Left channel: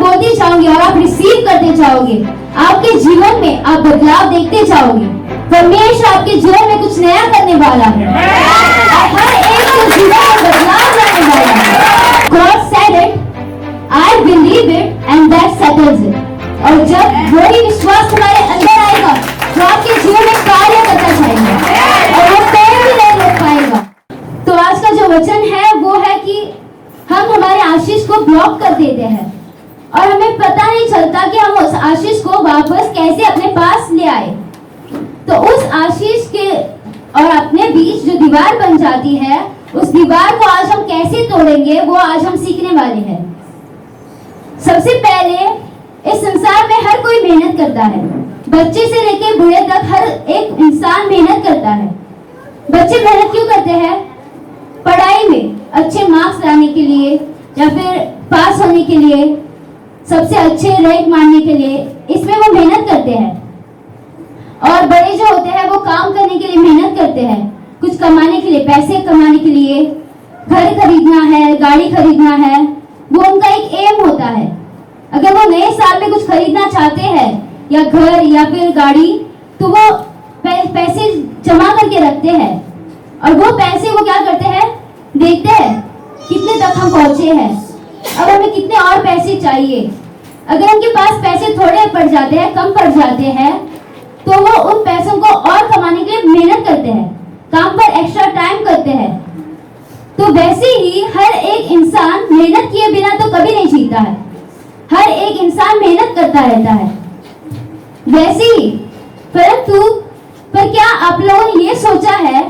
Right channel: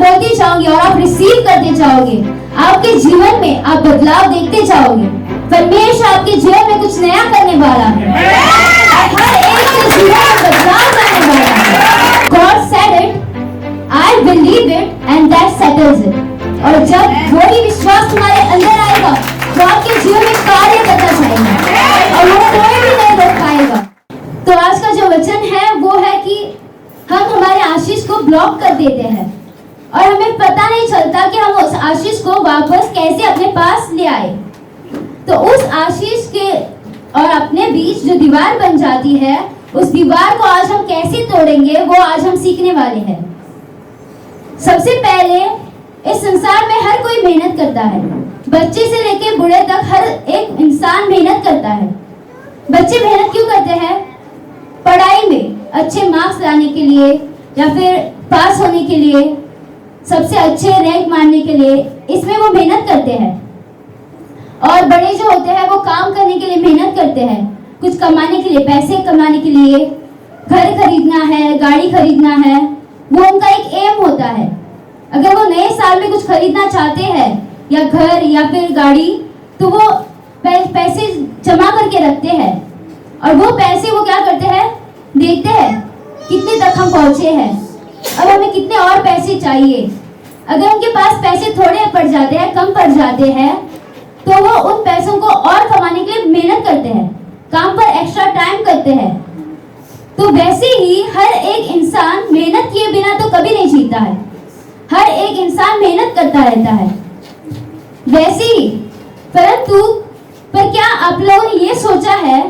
मैं बोलती जाऊंगी और आप रिसीव करते जाओगे। आपके जीवन में आप बदलाव देखते जाओगे। परमेश्वर आपके जीवन में कुछ नया करने वाला है। हर एक के जीवन में बदलाव लाने वाला है। God said it, I believe it and that settles it. और जब वही विश्वास तुम्हारे अंदर आएगा तो आपके जीवन में कार्य करना चाहिए और वो कोई भी नहीं रोक पाएगा। तो आज का जो वचन है वो है कि हम हमारे आशीष को ब्लॉक कर देते हैं और हमें पता नहीं चलता कि हम उस आशीष को वापस कैसे अपने पास ले आए। तो उस आशीष के और अपने बीच जो दीवार बन जाती है, उस दीवार को आज हम कैसे तोड़ेंगे वो आज हम सीखने वाले हैं। सबसे पहले इस संसार में हर कोई मेहनत करता है। बच्चे से लेकर बूढ़े तक हर एक इंसान मेहनत करता है। बच्चे मेहनत क्यों करते हैं? पढ़ाई में अच्छे मार्क्स लाने के लिए या फिर पास होने के लिए, सबसे अच्छे रैंक मारने के लिए, इसमें वो मेहनत करते हैं। और बड़े जो होते हैं वो काम करने के लिए मेहनत करते हैं, कुछ कमाने के लिए, पैसे कमाने के लिए, घर खरीदना है, गाड़ी खरीदना है, वो उनका एक एम होता है। अगर वो नए साल में कुछ खरीदना चाहते हैं या घर या फिर गाड़ी, तो वो पैसे जमा करके रखते हैं और वो पैसे वो क्या करते हैं, देखते हैं कितने तक हम पहुंचे हैं, अब हमें कितने और पैसे चाहिए। अगर उनके पास पैसे थोड़े पड़ जाते हैं, कम पड़ जाते हैं, तो वो उन पैसों को और कमाने के लिए मेहनत करते हैं, काम पर एक्स्ट्रा टाइम करते हैं। तो वैसे ही हर एक इंसान मेहनत किए बिना तो कभी नहीं जीता है। हर एक इंसान मेहनत करता रहता है। वैसे ही परंतु पर क्या आप लोगों ने ये सोचा है,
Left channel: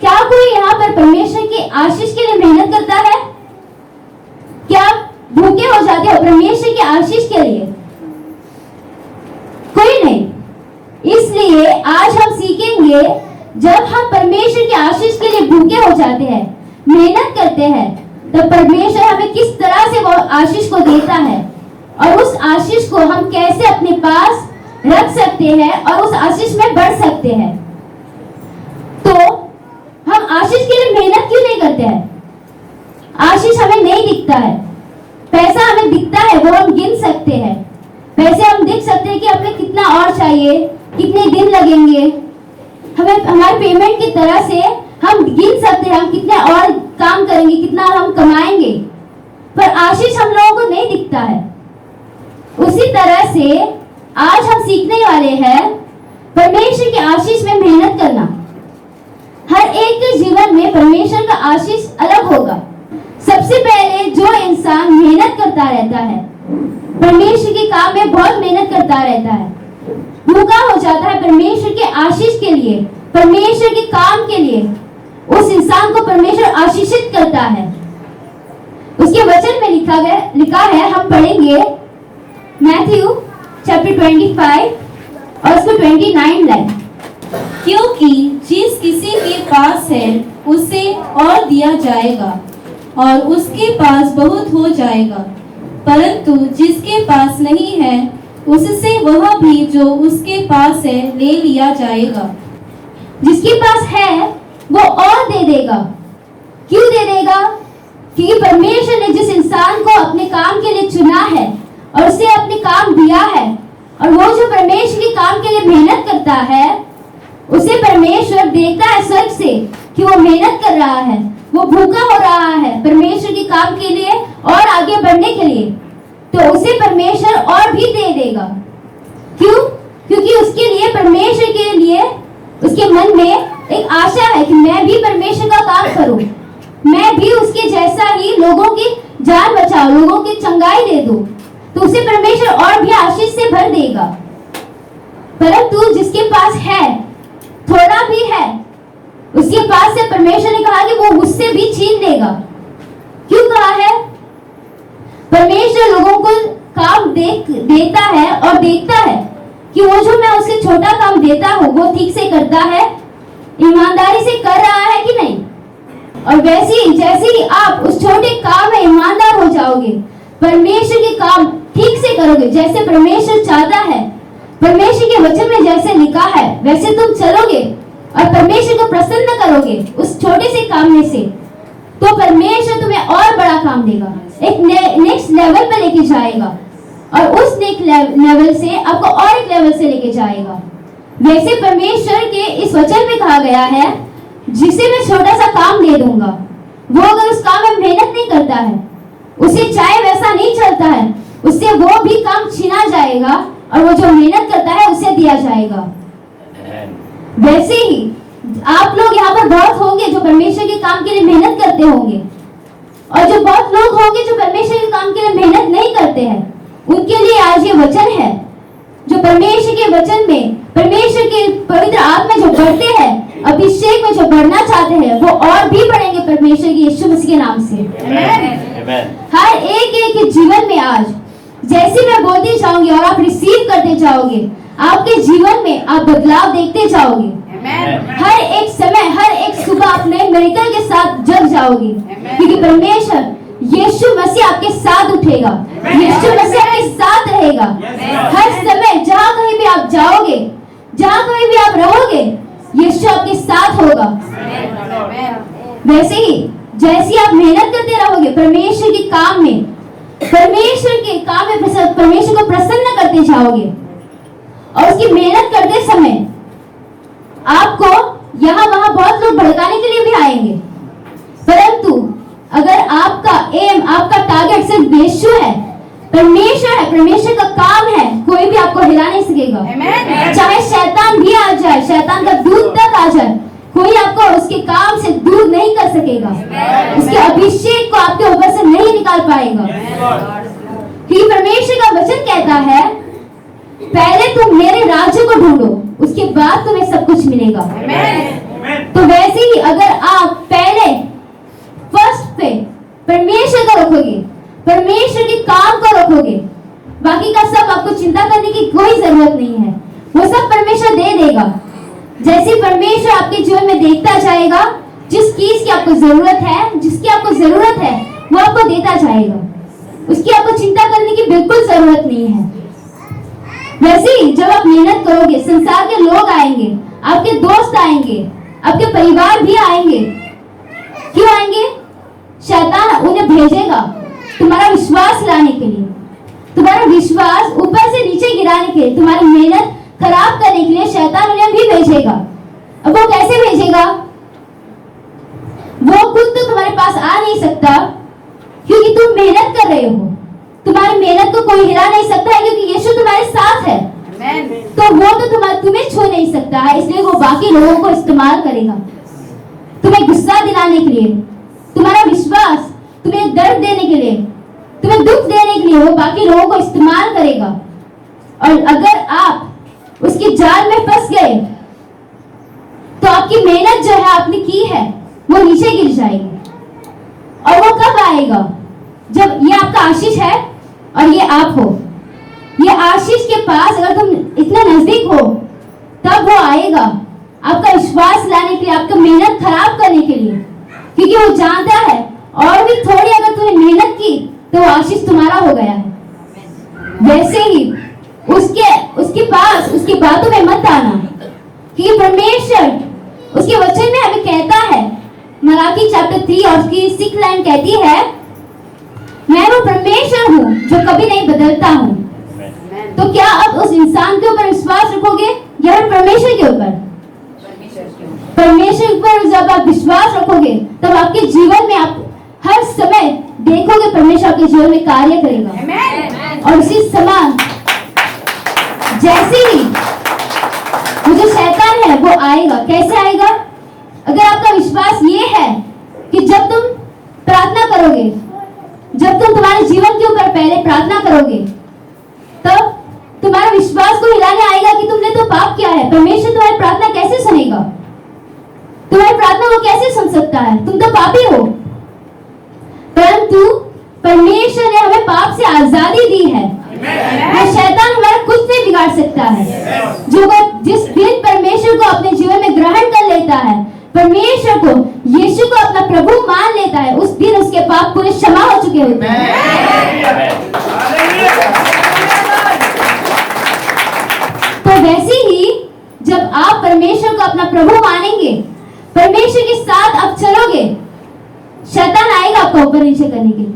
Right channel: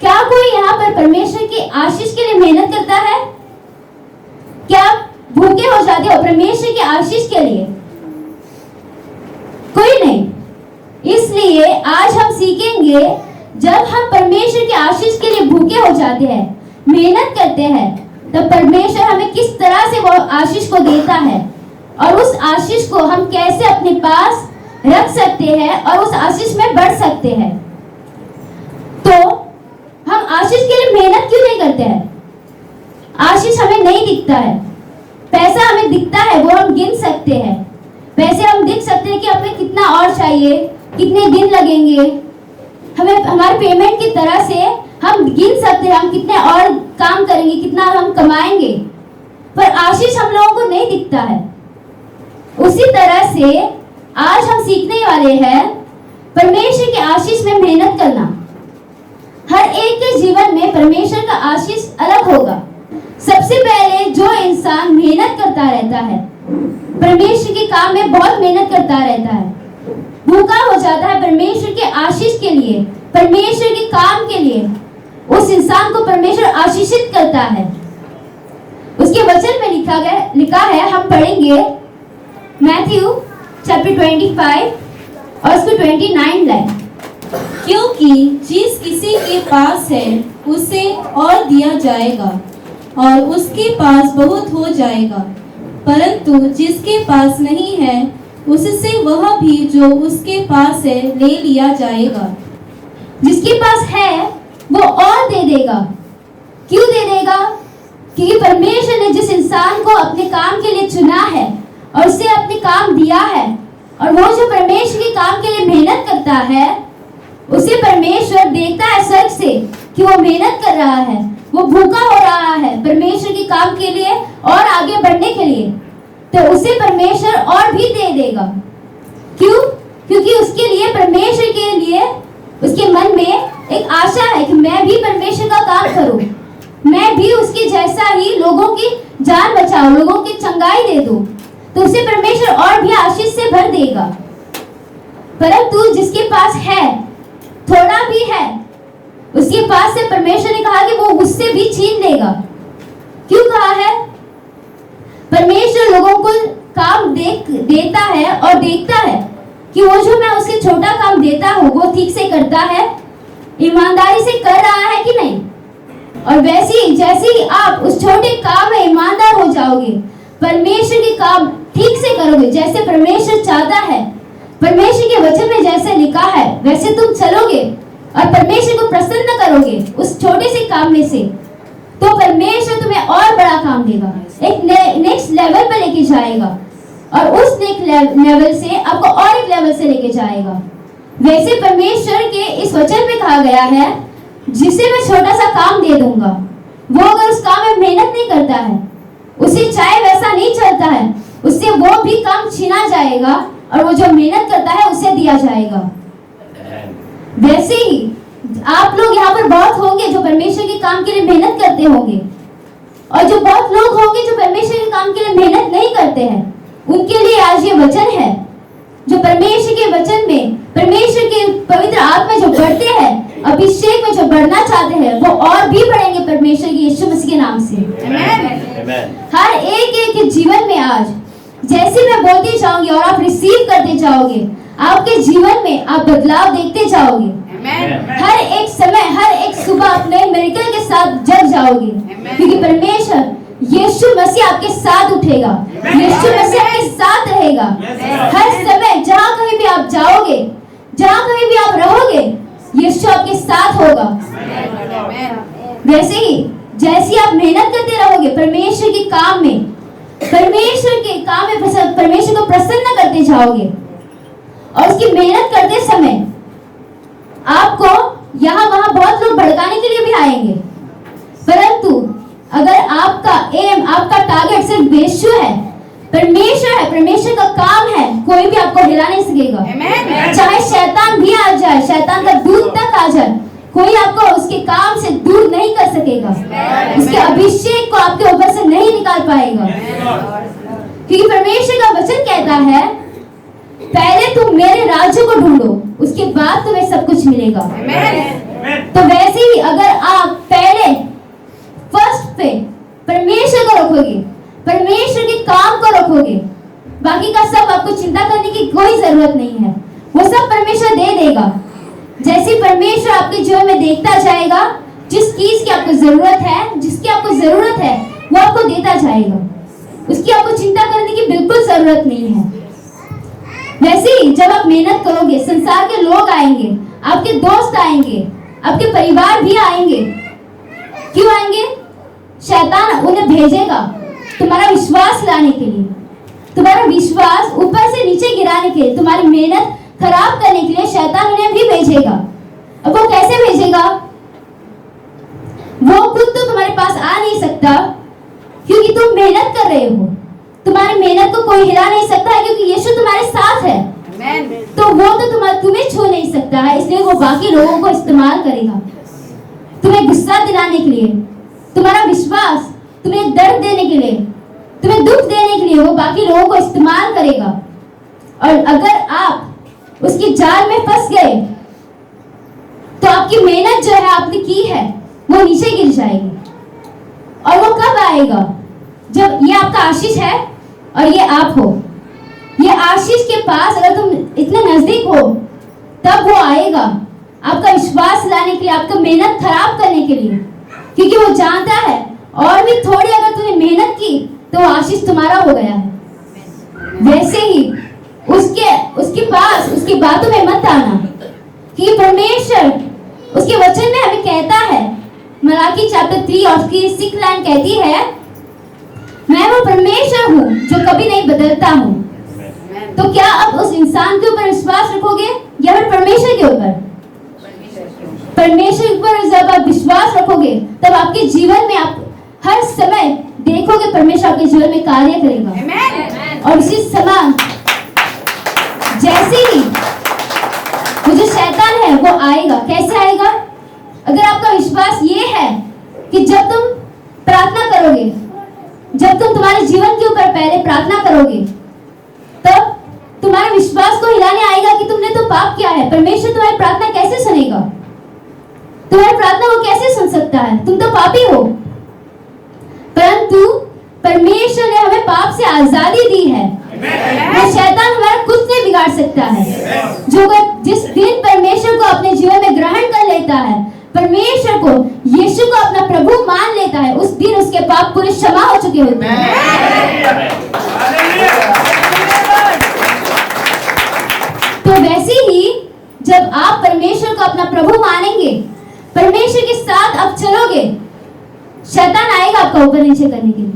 क्या कोई यहाँ पर परमेश्वर की आशीष के लिए मेहनत करता है? क्या भूखे हो जाते हो परमेश्वर की आशीष के लिए? कोई नहीं। इसलिए आज हम सीखेंगे, जब हम परमेश्वर की आशीष के लिए भूखे हो जाते हैं, मेहनत करते हैं, तब परमेश्वर हमें किस तरह से वो आशीष को देता है और उस आशीष को हम कैसे अपने पास रख सकते हैं और उस आशीष में बढ़ सकते हैं। तो हम आशीष के लिए मेहनत क्यों नहीं करते हैं? आशीष हमें नहीं दिखता है, पैसा हमें दिखता है, वो हम गिन सकते हैं। पैसे हम देख सकते हैं कि हमें कितना और चाहिए, कितने दिन लगेंगे, हमें हमारे पेमेंट की तरह से हम गिन सकते हैं हम कितने और काम करेंगे, कितना हम कमाएंगे, पर आशीष हम लोगों को नहीं दिखता है। उसी तरह से आज हम सीखने वाले हैं परमेश्वर की आशीष में मेहनत करना। हर एक के जीवन में परमेश्वर का आशीष अलग होगा। सबसे पहले जो इंसान मेहनत करता रहता है, परमेश्वर के काम में बहुत मेहनत करता रहता है, भूखा हो जाता है परमेश्वर के आशीष के लिए, परमेश्वर के काम के लिए, उस इंसान को परमेश्वर आशीषित करता है। उसके वचन में लिखा है, हम पढ़ेंगे मैथ्यू चैप्टर 25 और उसको 29 लाइन। क्योंकि जिस किसी के पास है उसे और दिया जाएगा और उसके पास बहुत हो जाएगा, परंतु जिसके पास नहीं है उससे वह भी जो उसके पास है ले लिया जाएगा। जिसके पास है वो और दे देगा। क्यों दे देगा? क्योंकि परमेश्वर ने जिस इंसान को अपने काम के लिए चुना है और उसे अपने काम दिया है, और वो जो परमेश्वर के काम के लिए मेहनत करता है, उसे परमेश्वर देखता है स्वर्ग से कि वो मेहनत कर रहा है, वो भूखा हो रहा है परमेश्वर के काम के लिए और आगे बढ़ने के लिए, तो उसे परमेश्वर और भी दे देगा। क्यों? क्योंकि उसके लिए, परमेश्वर के लिए उसके मन में एक आशा है कि मैं भी परमेश्वर का काम करूं, मैं भी उसके जैसा ही लोगों की जान बचाऊं, लोगों की चंगाई दे दूं, तो उसे परमेश्वर और भी आशीष से भर देगा। परंतु जिसके पास है, थोड़ा भी है, उसके पास से परमेश्वर ने कहा कि वो उससे भी छीन लेगा। क्यों कहा है? परमेश्वर लोगों को काम देता है और देखता है कि वो जो मैं उससे छोटा काम देता हूँ वो ठीक से करता है, ईमानदारी से कर रहा है कि नहीं। और वैसे ही जैसे ही आप उस छोटे काम में ईमानदार हो जाओगे, परमेश्वर के काम ठीक से करोगे जैसे परमेश्वर चाहता है, परमेश्वर के वचन में जैसे लिखा है वैसे तुम चलोगे और परमेश्वर को प्रसन्न करोगे उस छोटे से काम में से, तो परमेश्वर तुम्हें और बड़ा काम देगा, एक नेक्स्ट लेवल पे लेके जाएगा। और उस नेक्स्ट लेवल से आपको और एक लेवल से लेके जाएगा। वैसे परमेश्वर के इस वचन में कहा गया है, जिसे मैं छोटा सा काम दे दूंगा, वो अगर उस काम में मेहनत नहीं करता है, उसे चाहे वैसा नहीं चलता है, उससे वो भी काम छीना जाएगा और वो जो मेहनत करता है उसे दिया जाएगा। वैसे ही आप लोग यहाँ पर बहुत होंगे जो परमेश्वर के काम के लिए मेहनत करते होंगे, और जो बहुत लोग होंगे जो परमेश्वर के काम के लिए मेहनत नहीं करते हैं। उनके लिए आज ये वचन है, जो परमेश्वर के वचन में परमेश्वर के पवित्र आत्मा जो बढ़ते हैं, अभिषेक में जो बढ़ना चाहते हैं, वो और भी बढ़ेंगे परमेश्वर की यीशु मसीह के नाम से। हर एक के जीवन में आज जैसे मैं बोलती जाऊंगी और आप रिसीव करते जाओगे, आपके जीवन में आप बदलाव देखते जाओगे। हर एक समय, हर एक सुबह आप नए मिरेकल के साथ जग जाओगे, क्योंकि परमेश्वर यीशु मसीह आपके साथ उठेगा, यीशु मसीह आपके साथ रहेगा। हर समय जहाँ कहीं भी आप जाओगे, जहाँ कहीं भी आप रहोगे, यीशु आपके साथ होगा। वैसे ही जैसे आप मेहनत करते रहोगे परमेश्वर के काम में, परमेश्वर के काम में परमेश्वर को प्रसन्न करते जाओगे, और उसकी मेहनत करते समय आपको यहाँ वहां बहुत लोग भड़काने के लिए भी आएंगे, परंतु अगर आपका एम, आपका टारगेट सिर्फ यीशु है, परमेश्वर है, परमेश्वर का काम है, कोई भी आपको हिला नहीं सकेगा। चाहे शैतान भी आ जाए, शैतान का दूत तक आ जाए, कोई आपको उसके काम से दूर नहीं कर सकेगा। उसके अभिषेक को आपके ऊपर से नहीं निकाल पाएगा, क्योंकि परमेश्वर का वचन कहता है, पहले तुम मेरे राज्य को ढूंढो, उसके बाद तुम्हें सब कुछ मिलेगा। तो वैसे ही अगर आप पहले फर्स्ट पे परमेश्वर को रखोगे, परमेश्वर के काम को रखोगे, बाकी का सब आपको चिंता करने की कोई जरूरत नहीं है, वो सब परमेश्वर दे देगा। जैसे परमेश्वर आपके जीवन में देखता जाएगा, जिस चीज की आपको जरूरत है, जिसकी आपको जरूरत है, वो आपको देता जाएगा, उसकी आपको चिंता करने की बिल्कुल जरूरत नहीं है। वैसे ही जब आप मेहनत करोगे, संसार के लोग आएंगे, आपके दोस्त आएंगे, आपके परिवार भी आएंगे। क्यों आएंगे? शैतान उन्हें भेजेगा तुम्हारा विश्वास लाने के लिए, तुम्हारा विश्वास ऊपर से नीचे गिराने के लिए, तुम्हारी मेहनत खराब करने के लिए शैतान उन्हें भी भेजेगा। अब वो कैसे भेजेगा? वो खुद तो तुम्हारे पास आ नहीं सकता, क्योंकि तुम मेहनत कर रहे हो, तुम्हारी मेहनत को कोई हिला नहीं सकता है, क्योंकि यीशु तुम्हारे साथ है। तो वो तो तुम्हें छू नहीं सकता है, इसलिए वो बाकी लोगों को इस्तेमाल करेगा, तुम्हें गुस्सा दिलाने के लिए, तुम्हारा विश्वास, तुम्हें दर्द देने के लिए, तुम्हें दुख देने के लिए वो बाकी लोगों को इस्तेमाल करेगा। और अगर आप उसकी जाल में फंस गए, तो आपकी मेहनत जो है आपने की है, वो नीचे गिर जाएगी। और वो कब आएगा? जब ये आपका आशीष है और ये आप हो, ये आशीष के पास अगर तुम इतने नजदीक हो, तब वो आएगा आपका विश्वास लाने के लिए, आपका मेहनत खराब करने के लिए, क्योंकि वो जानता है और भी थोड़ी अगर तुमने मेहनत की तो आशीष तुम्हारा हो गया है। वैसे ही उसके पास उसकी बातों में मत आना, कि परमेश्वर उसके वचन में हमें कहता है, मलाकी चैप्टर 3 और उसकी 6 लाइन कहती है, मैं वो परमेश्वर हूँ जो कभी नहीं बदलता हूँ। तो क्या अब उस इंसान के ऊपर विश्वास रखोगे या फिर परमेश्वर के ऊपर? परमेश्वर पर जब आप विश्वास रखोगे, तब आपके जीवन में आप हर समय देखोगे परमेश्वर आपके जीवन में कार्य करेगा। और इसी समय जैसे ही वो जो शैतान है वो आएगा, कैसे आएगा? अगर आपका विश्वास ये है कि जब तुम प्रार्थना करोगे, जब तुम तुम्हारे जीवन के ऊपर पहले प्रार्थना करोगे, तब तुम्हारे विश्वास को हिलाने आएगा कि तुमने तो पाप किया है, परमेश्वर तुम्हारी प्रार्थना कैसे सुनेगा? तुम्हारी प्रार्थना वो कैसे सुन सकता है? तुम तो पापी हो। परंतु परमेश्वर ने हमें पाप से आजादी दी है, शैतान हमारा कुछ नहीं बिगाड़ सकता है। जिस दिन परमेश्वर को अपने जीवन में ग्रहण कर लेता है, परमेश्वर को, यीशु को अपना प्रभु मान लेता है, उस दिन उसके पाप पूरे क्षमा हो चुके होते हैं। तो वैसे ही जब आप परमेश्वर को अपना प्रभु मानेंगे, परमेश्वर के साथ आप चलोगे, शैतान आएगा आपको ऊपर नीचे करने के लिए,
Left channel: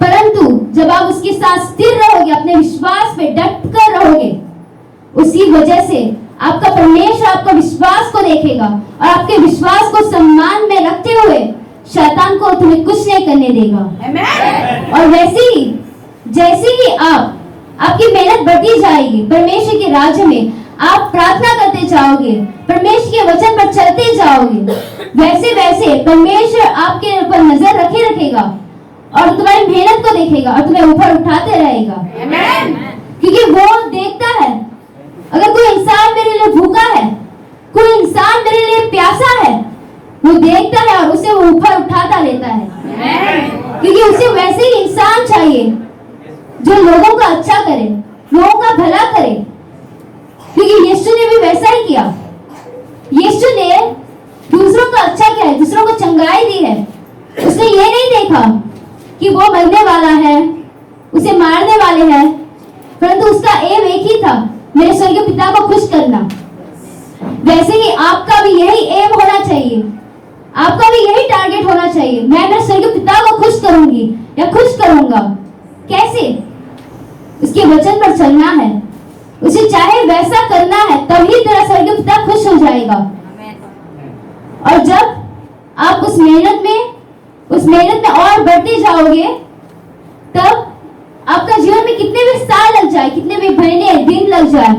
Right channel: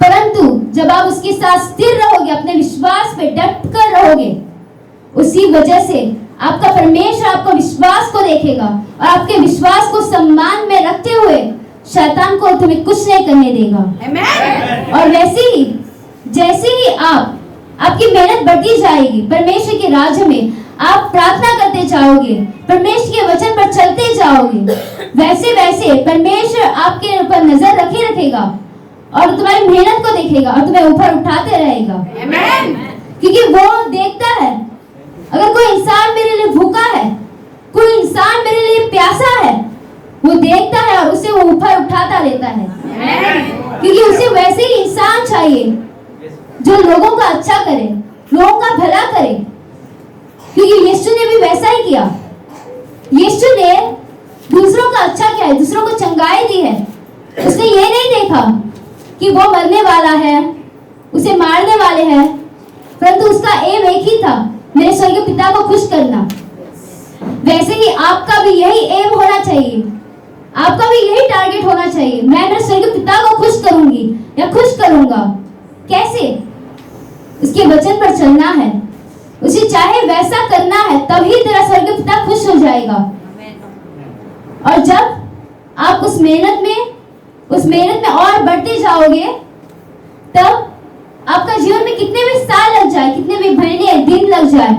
परंतु जब आप उसके साथ स्थिर रहोगे, अपने विश्वास पे डट कर रहोगे, उसी वजह से आपका परमेश्वर आपका विश्वास को देखेगा और आपके विश्वास को सम्मान में रखते हुए शैतान को तुम्हें कुछ नहीं करने देगा। और वैसे ही जैसे ही आपकी मेहनत बढ़ती जाएगी, परमेश्वर के राज्य में आप प्रार्थना करते जाओगे, परमेश्वर के वचन पर चलते जाओगे, वैसे वैसे परमेश्वर आपके ऊपर नजर रखेगा और तुम्हारी मेहनत को देखेगा और तुम्हें ऊपर उठाते रहेगा। क्योंकि वो देखता है, अगर कोई इंसान मेरे लिए भूखा है, कोई इंसान मेरे लिए प्यासा है, वो देखता है और उसे वो ऊपर उठाता रहता है। क्योंकि उसे वैसे ही इंसान चाहिए जो लोगों का अच्छा करे, लोगों का भला करे। क्योंकि यीशु ने भी वैसा ही किया। यीशु ने दूसरों का अच्छा किया है, दूसरों को चंगाई दी है। उसने ये नहीं देखा कि वो मरने वाला है, उसे मारने वाले हैं, परंतु उसका एम एक ही था, मेरे स्वर्गीय पिता को खुश करना। वैसे ही आपका भी यही एम होना चाहिए, आपका भी यही टारगेट होना चाहिए, मैं मेरे स्वर्गीय पिता को खुश करूंगी या खुश करूंगा। कैसे? उसके वचन पर चलना है, उसे चाहे वैसा करना है, तभी तेरा स्वर्गीय पिता खुश हो जाएगा। और जब आप उस मेहनत में और बढ़ते जाओगे, तब आपका जीवन में कितने भी साल लग जाए, कितने भी महीने दिन लग जाए,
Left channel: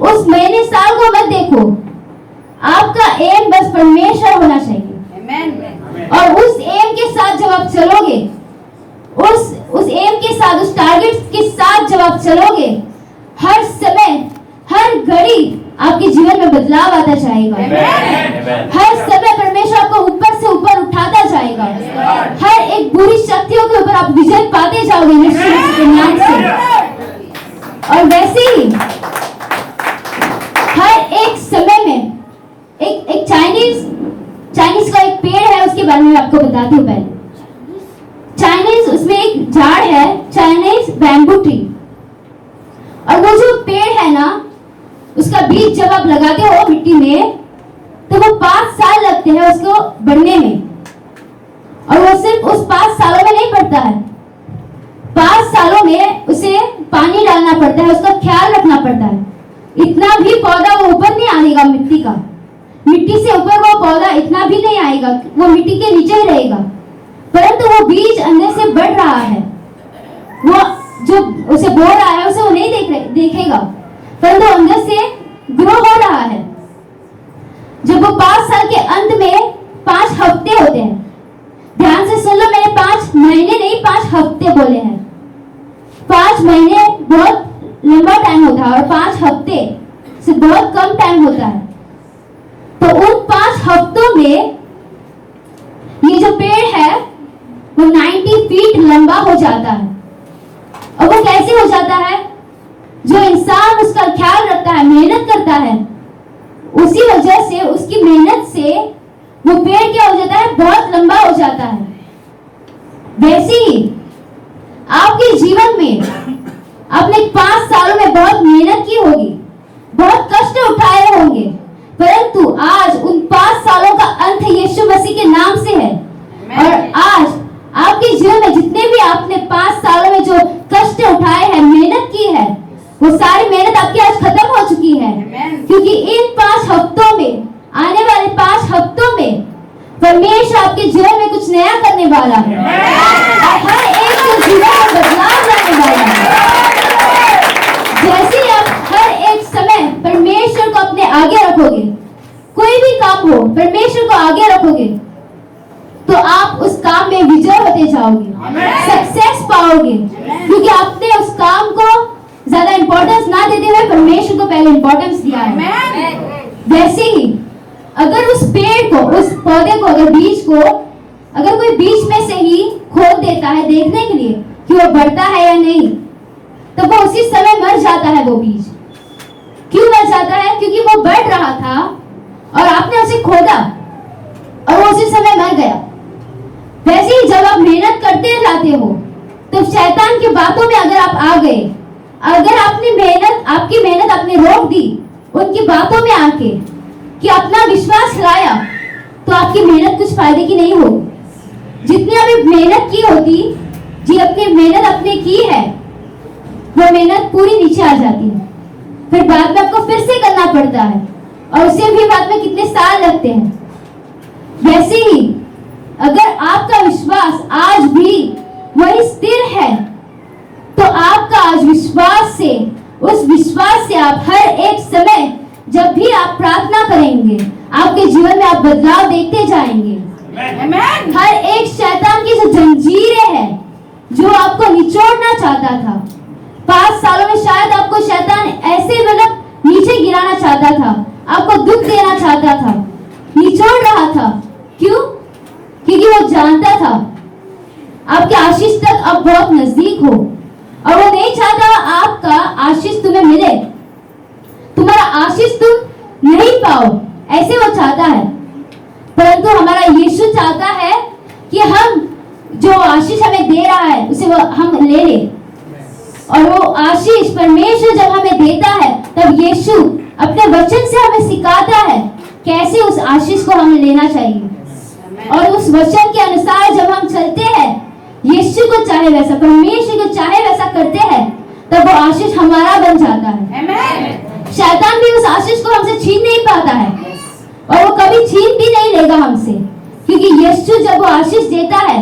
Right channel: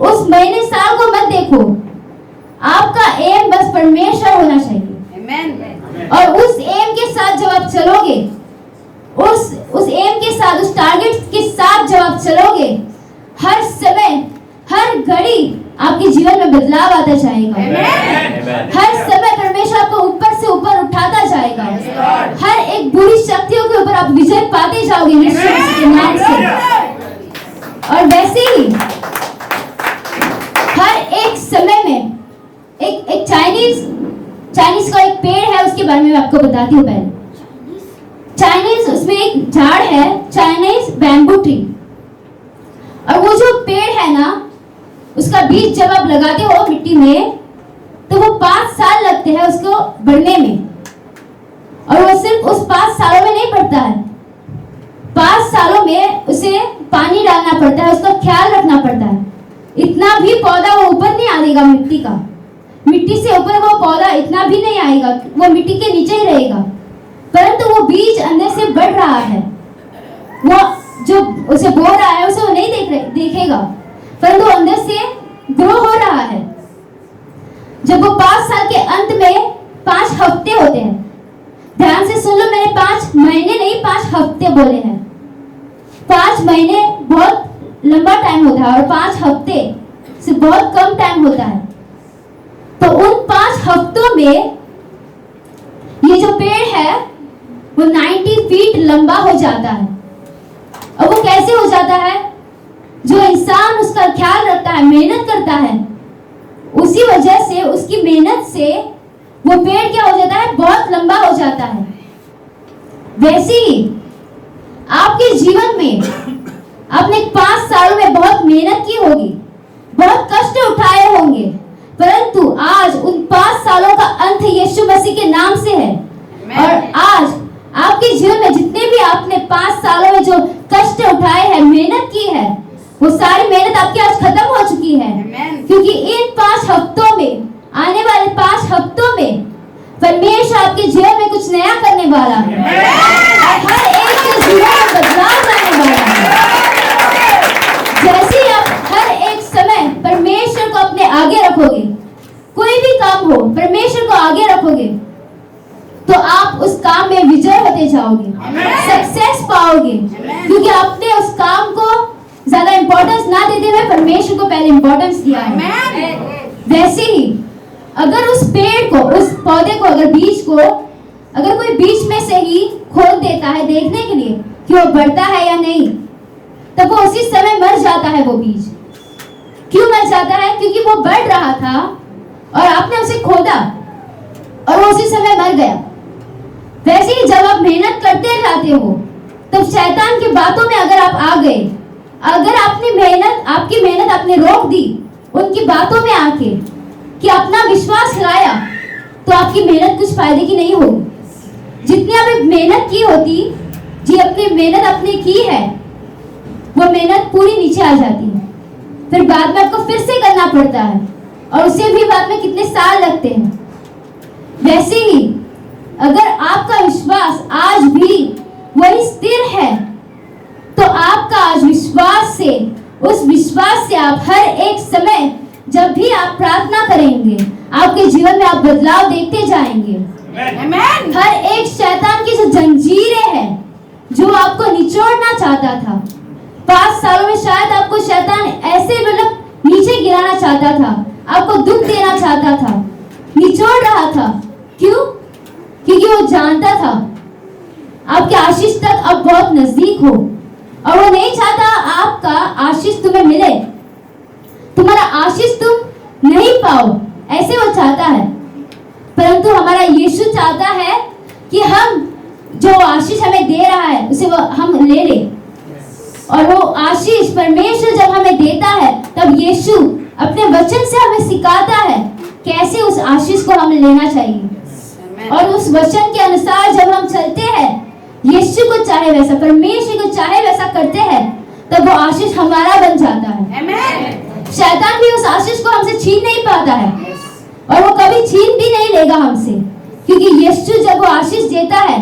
उस महीने साल को मत देखो, आपका एम बस परमेश्वर होना चाहिए। और उस एम के साथ जब आप चलोगे, उस एम के साथ, उस टारगेट के साथ जब आप चलोगे, हर समय हर घड़ी आपके जीवन में बदलाव आता जाएगा। हर समय परमेश्वर आपको ऊपर से ऊपर उठाता जाएगा। हर एक बुरी शक्तियों के ऊपर आप विजय पाते जाओगे यीशु के नाम से। और वैसे ही हर एक समय में एक चाइनीज का एक पेड़ है, उसके बारे में आपको बताती हूँ। पहले चाइनीज, उसमें एक झाड़ है, चाइनीज बैम्बू ट्री। और वो जो पेड़ है ना, उसका बीज जब आप लगाते हो मिट्टी में, तो वो 5 साल लगते हैं उसको बढ़ने में। और वो सिर्फ उस 5 सालों में नहीं बढ़ता है, 5 सालों में उसे पानी डालना पड़ता है, उसका ख्याल रखना पड़ता है। इतना भी पौधा वो ऊपर नहीं आएगा, मिट्टी से ऊपर वो पौधा इतना भी नहीं आएगा, वो मिट्टी के नीचे ही रहेगा। परंतु वो बीज अंदर से बढ़ रहा है, वो जो उसे बो रहा है उसे वो नहीं देखेगा, परंतु अंदर से ग्रो हो रहा है। जब वो 5 साल के अंत में 5 हफ्ते होते हैं, ध्यान से सुन लो, मैंने 5 महीने नहीं 5 हफ्ते बोले हैं। 5 महीने बहुत लंबा टाइम होता है और 5 हफ्ते से बहुत कम टाइम होता है। तो उन 5 हफ्तों में ये जो पेड़ है वो 90 फीट लंबा हो जाता है। और वो कैसे हो जाता है? जो इंसान उसका ख्याल रखता है, मेहनत करता है, उसी वजह से, उसकी मेहनत से वो पेड़ क्या हो जाता है? बहुत लंबा हो जाता है। वैसे ही आपके जीवन में आपने 5 सालों में बहुत मेहनत की होगी, बहुत कष्ट उठाए होंगे, परंतु आज उन 5 सालों का अंत यीशु मसीह के नाम से है। और आज आपके जीवन में जितने भी आपने 5 सालों में जो कष्ट उठाए हैं, मेहनत की है, वो सारी मेहनत आपकी आज खत्म हो चुकी है। क्योंकि इन 5 हफ्तों में, आने वाले 5 हफ्तों में परमेश्वर आपके जीवन में कुछ नया करने वाला है। हर एक के जीवन में बदलाव लाने वाला है। जैसे आप हर एक समय परमेश्वर को अपने आगे रखोगे, कोई भी काम हो परमेश्वर को आगे रखोगे, तो आप उस काम में विजय होते जाओगे, सक्सेस पाओगे। क्योंकि आपने उस काम को ज्यादा इंपॉर्टेंस ना देते हुए परमेश्वर को पहले इंपॉर्टेंस दिया है। वैसे ही अगर उस पेड़ को, उस पौधे को, अगर बीज को, अगर कोई बीच में से ही खोद देता है देखने के लिए कि वो बढ़ता है या नहीं, तब वो उसी समय मर जाता है। वो बीज क्यों मर जाता है? क्योंकि वो बढ़ रहा था और आपने उसे खोदा और वो उसी समय मर गया। वैसे ही जब आप मेहनत करते जाते हो, तो शैतान की बातों में अगर आप आ गए, अगर आपकी मेहनत आपने रोक दी उनकी बातों में आके कि अपना विश्वास हिलाया, तो आपकी मेहनत कुछ फायदे की नहीं होगी। जितनी आपने मेहनत की होती जी अपनी मेहनत अपने की है, वो मेहनत पूरी नीचे आ जाती है, फिर बाद में आपको फिर से करना पड़ता है और उसे भी बाद में कितने साल लगते हैं। वैसे ही अगर आपका विश्वास आज भी वही स्थिर है, तो आपका आज विश्वास से, उस विश्वास से आप हर एक समय जब भी आप प्रार्थना करेंगे, आपके जीवन में आप बदलाव देखते जाएंगे। हर एक शैतान की जो जंजीरें हैं, जो आपको निचोड़ना चाहता था, 5 सालों में शायद आपको शैतान ऐसे मतलब नीचे गिराना चाहता था, आपको दुख देना चाहता था, निचोड़ रहा था। क्यों? क्योंकि वो जानता था आपके आशीष तक अब बहुत नजदीक हो, और वो नहीं चाहता आपका आशीष तुम्हें मिले, तुम्हारा आशीष तुम नहीं पाओ, ऐसे वो चाहता है। परंतु हमारा यीशु चाहता है कि हम जो आशीष हमें दे रहा है उसे वो हम ले ले, और वो आशीष परमेश्वर जब हमें देता है, तब यीशु अपने वचन से हमें सिखाता है कैसे उस आशीष को हमें लेना चाहिए, और उस वचन के अनुसार जब हम चलते हैं, यीशु को चाहे वैसा, परमेश्वर को चाहे वैसा करते हैं, तब वो आशीष हमारा बन जाता है। शैतान भी उस आशीष को हमसे छीन नहीं पाता है, और वो कभी छीन भी नहीं लेगा हमसे, क्योंकि यीशु जब वो आशीष देता है,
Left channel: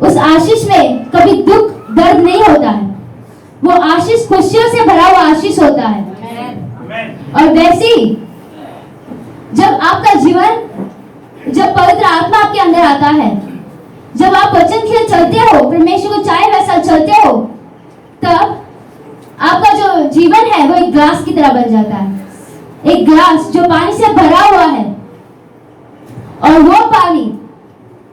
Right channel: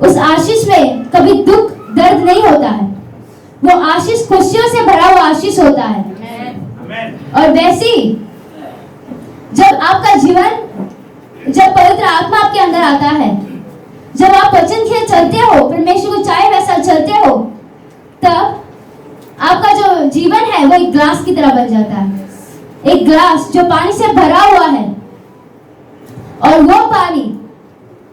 उस आशीष में कभी दुख दर्द नहीं होता है, वो आशीष खुशियों से भरा हुआ आशीष होता है। और वैसे ही जब आपका जीवन, जब पवित्र आत्मा आपके अंदर आता है, जब आप वचन के चलते हो, परमेश्वर को चाहे वैसा चलते हो, तब आपका जो जीवन है वो एक ग्लास की तरह बन जाता है। एक ग्लास जो पानी से भरा हुआ है, और वो पानी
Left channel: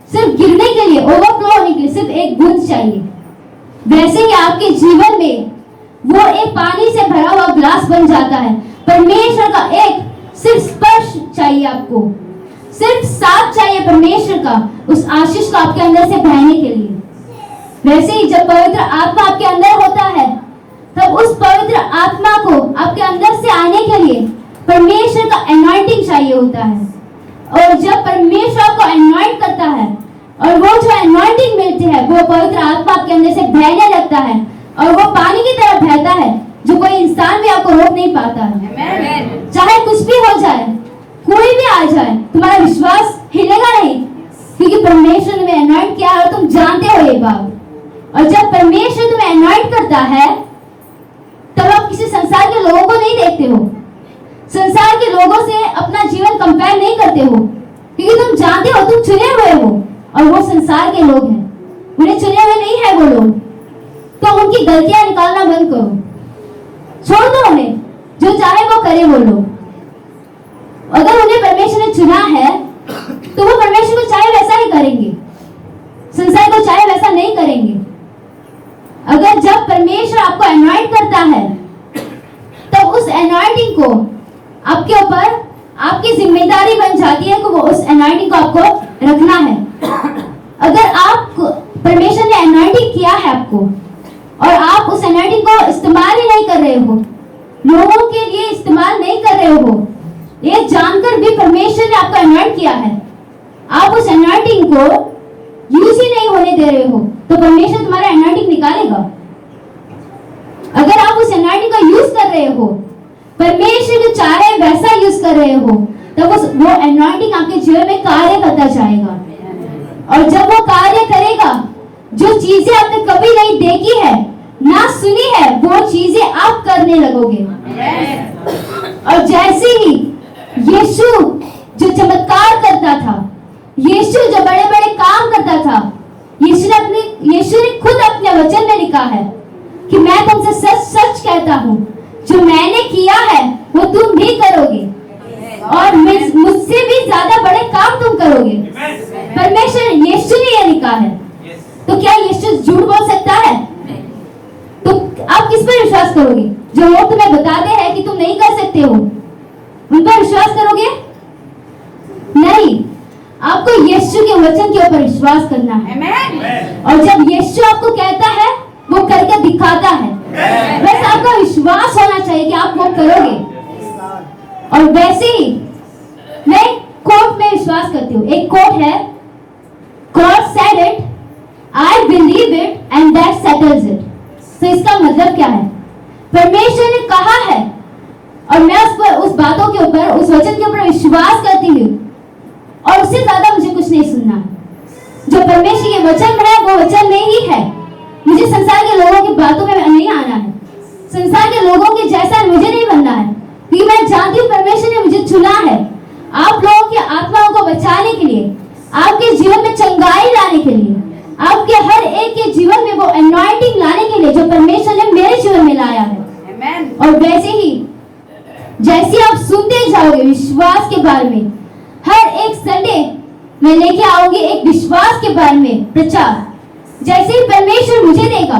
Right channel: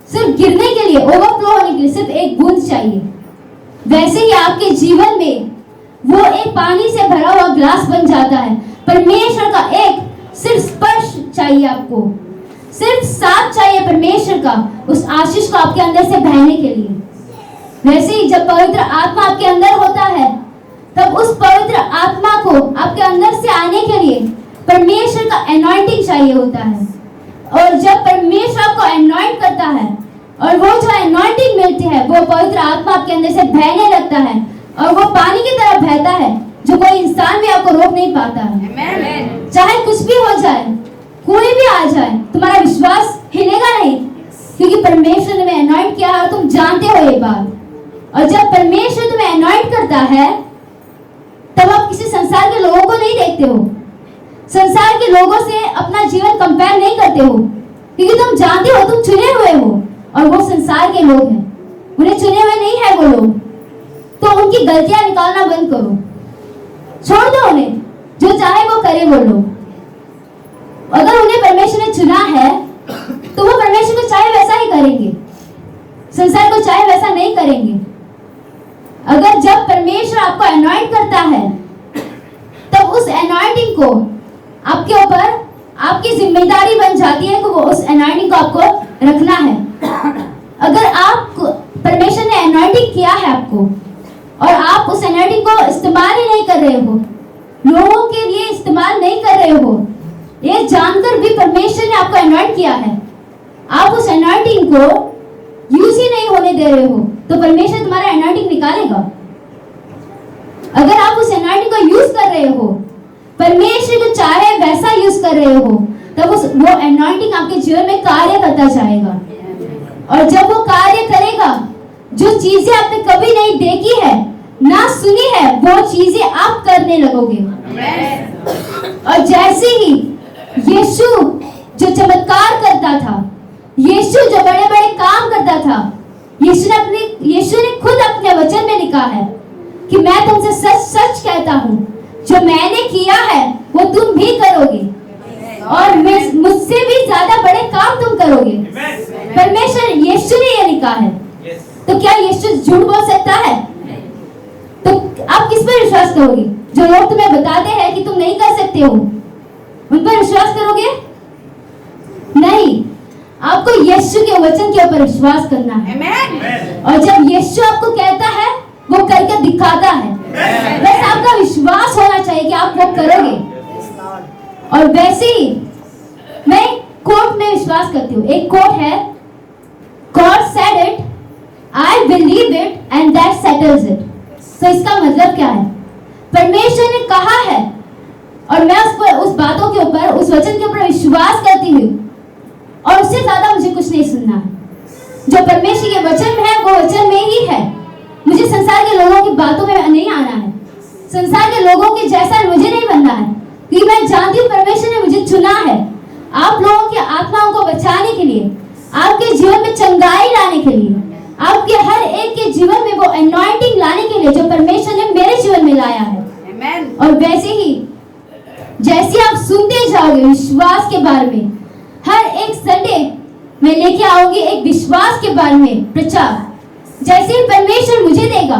सिर्फ गिरने के लिए, ओवरफ्लो होने के लिए सिर्फ एक बूंद चाहिए। वैसे ही आपके जीवन में वो एक पानी से भरा हुआ ग्लास बन जाता है। परमेश्वर का एक सिर्फ स्पर्श चाहिए, आपको सिर्फ साथ चाहिए परमेश्वर का, उस आशीष को आपके अंदर से बहने के लिए। वैसे ही जब पवित्र आत्मा आपके अंदर होता है, तब उस पवित्र आत्मा को आपके अंदर से आने के लिए परमेश्वर का एनॉइंटिंग चाहिए होता है। और जब परमेश्वर आपको एनॉइंट करता है, और वो जो एनॉइंटिंग मिलती है, वो पवित्र आत्मा आपके अंदर से बहने लगता है, और वो पानी की तरह बहता है, जो कोई इंसान भी आपको रोक नहीं पाता है। चाहे कुछ भी हो जाए, कोई भी आ जाए, तुम्हारा विश्वास हिलेगा नहीं, क्योंकि परमेश्वर ने एनॉइंट किया है, और तुम जानते हो ये बात। और जब परमेश्वर तुम्हें एनॉइंट करता है, तब आप किसी संसार के लोगों को नहीं देखते हो, संसार के लोगों से अपना जीवन कंपेयर नहीं करते हो, क्योंकि तुम जानते हो तुम चुने हुए हो, और वो संसार के लोग हैं, उन्हें चुने हुए नहीं है वो लोग। तो उनकी गलतियां निकालना बंद करो, छोड़ दो उन्हें, जो चाहे वो करे वो लोग। अगर उन्हें परमेश्वर ने चुना है, तो वो परमेश्वर को चाहे वैसा ही करेंगे, संसार को चाहे वैसा नहीं करेंगे। अगर जब परमेश्वर आपको एनॉइंट करता है, तब उस एनॉइंटिंग को आपके ऊपर, आपकी जिम्मेदारी बन जाती है कि वो उस एनॉइंटिंग को आपको रखना है। अगर आप, परमेश्वर ने एनॉइंटिंग किया है आपको, और आप उस एनॉइंटिंग को इस्तेमाल ही नहीं कर रहे हो, लोगों के लिए इस्तेमाल नहीं कर रहे हो, ये जानकर भी परमेश्वर ने आपको एनॉइंट किया है, आप उस एनॉइंटिंग को यूज ही नहीं होने दे रहे हो, तो परमेश्वर तुम्हारा एनॉइंटिंग निकालेगा। अगर आप उस एनॉइंटिंग को यूज कर रहे हो, परमेश्वर को चाहे वैसा यूज कर रहे हो, तब वो एनॉइंटिंग आपके जीवन में कार्य करता जाएगा। और जब वो कार्य करेगा, जो चीजें आपने कभी नहीं देखी है, ना सुनी है, वो चीजें आप करने लगोगे। और जैसे ही यीशु जो चमत्कार करता था, यीशु जो बड़े बड़े काम करता था, यीशु ने खुद अपने वचन में लिखा है कि मैं तुमसे सच सच कहता हूँ, जो मैंने किया है वो तुम भी करोगे, और मुझसे भी ज्यादा बड़े काम तुम करोगे। परमेश्वर, यीशु ने ये लिखा है, तो क्या यीशु झूठ बोल सकता है? तो आप किस पर विश्वास करोगे? जो लोग तुम्हें बताते हैं कि तुम नहीं कर सकते हो, उन पर विश्वास करोगे? नहीं, आपको यीशु के वचन के ऊपर विश्वास करना है। और जब यीशु आपको कहता है, वो करके दिखाता है, बस आपका विश्वास होना चाहिए कि आप वो करोगे। और वैसे ही मैं कोट में विश्वास करती हूँ। एक कोट है, God said it, I believe it and that settles it. तो इसका मतलब क्या है? परमेश्वर ने कहा है और मैं उस बातों के ऊपर, उस वचन के ऊपर विश्वास करती हूँ और उससे ज्यादा मुझे कुछ नहीं सुनना है। जो परमेश्वर के वचन में है वो वचन में ही है। मुझे संसार के लोगों की बातों में नहीं आना है, संसार के लोगों के जैसा मुझे नहीं बनना है, क्योंकि मैं जानती हूँ परमेश्वर ने मुझे चुना है आप लोगों की आत्माओं को बचाने के लिए, आपके जीवन में चंगाई लाने के लिए, आपके हर एक के जीवन में वो अनॉइंटिंग लाने के लिए जो परमेश्वर ने मेरे जीवन में लाया है। और वैसे ही जैसे आप सुनते जाओगे विश्वास के बारे में, हर एक संडे मैं लेके आऊंगी एक विश्वास के बारे में प्रचार। जैसे ही परमेश्वर मुझे देगा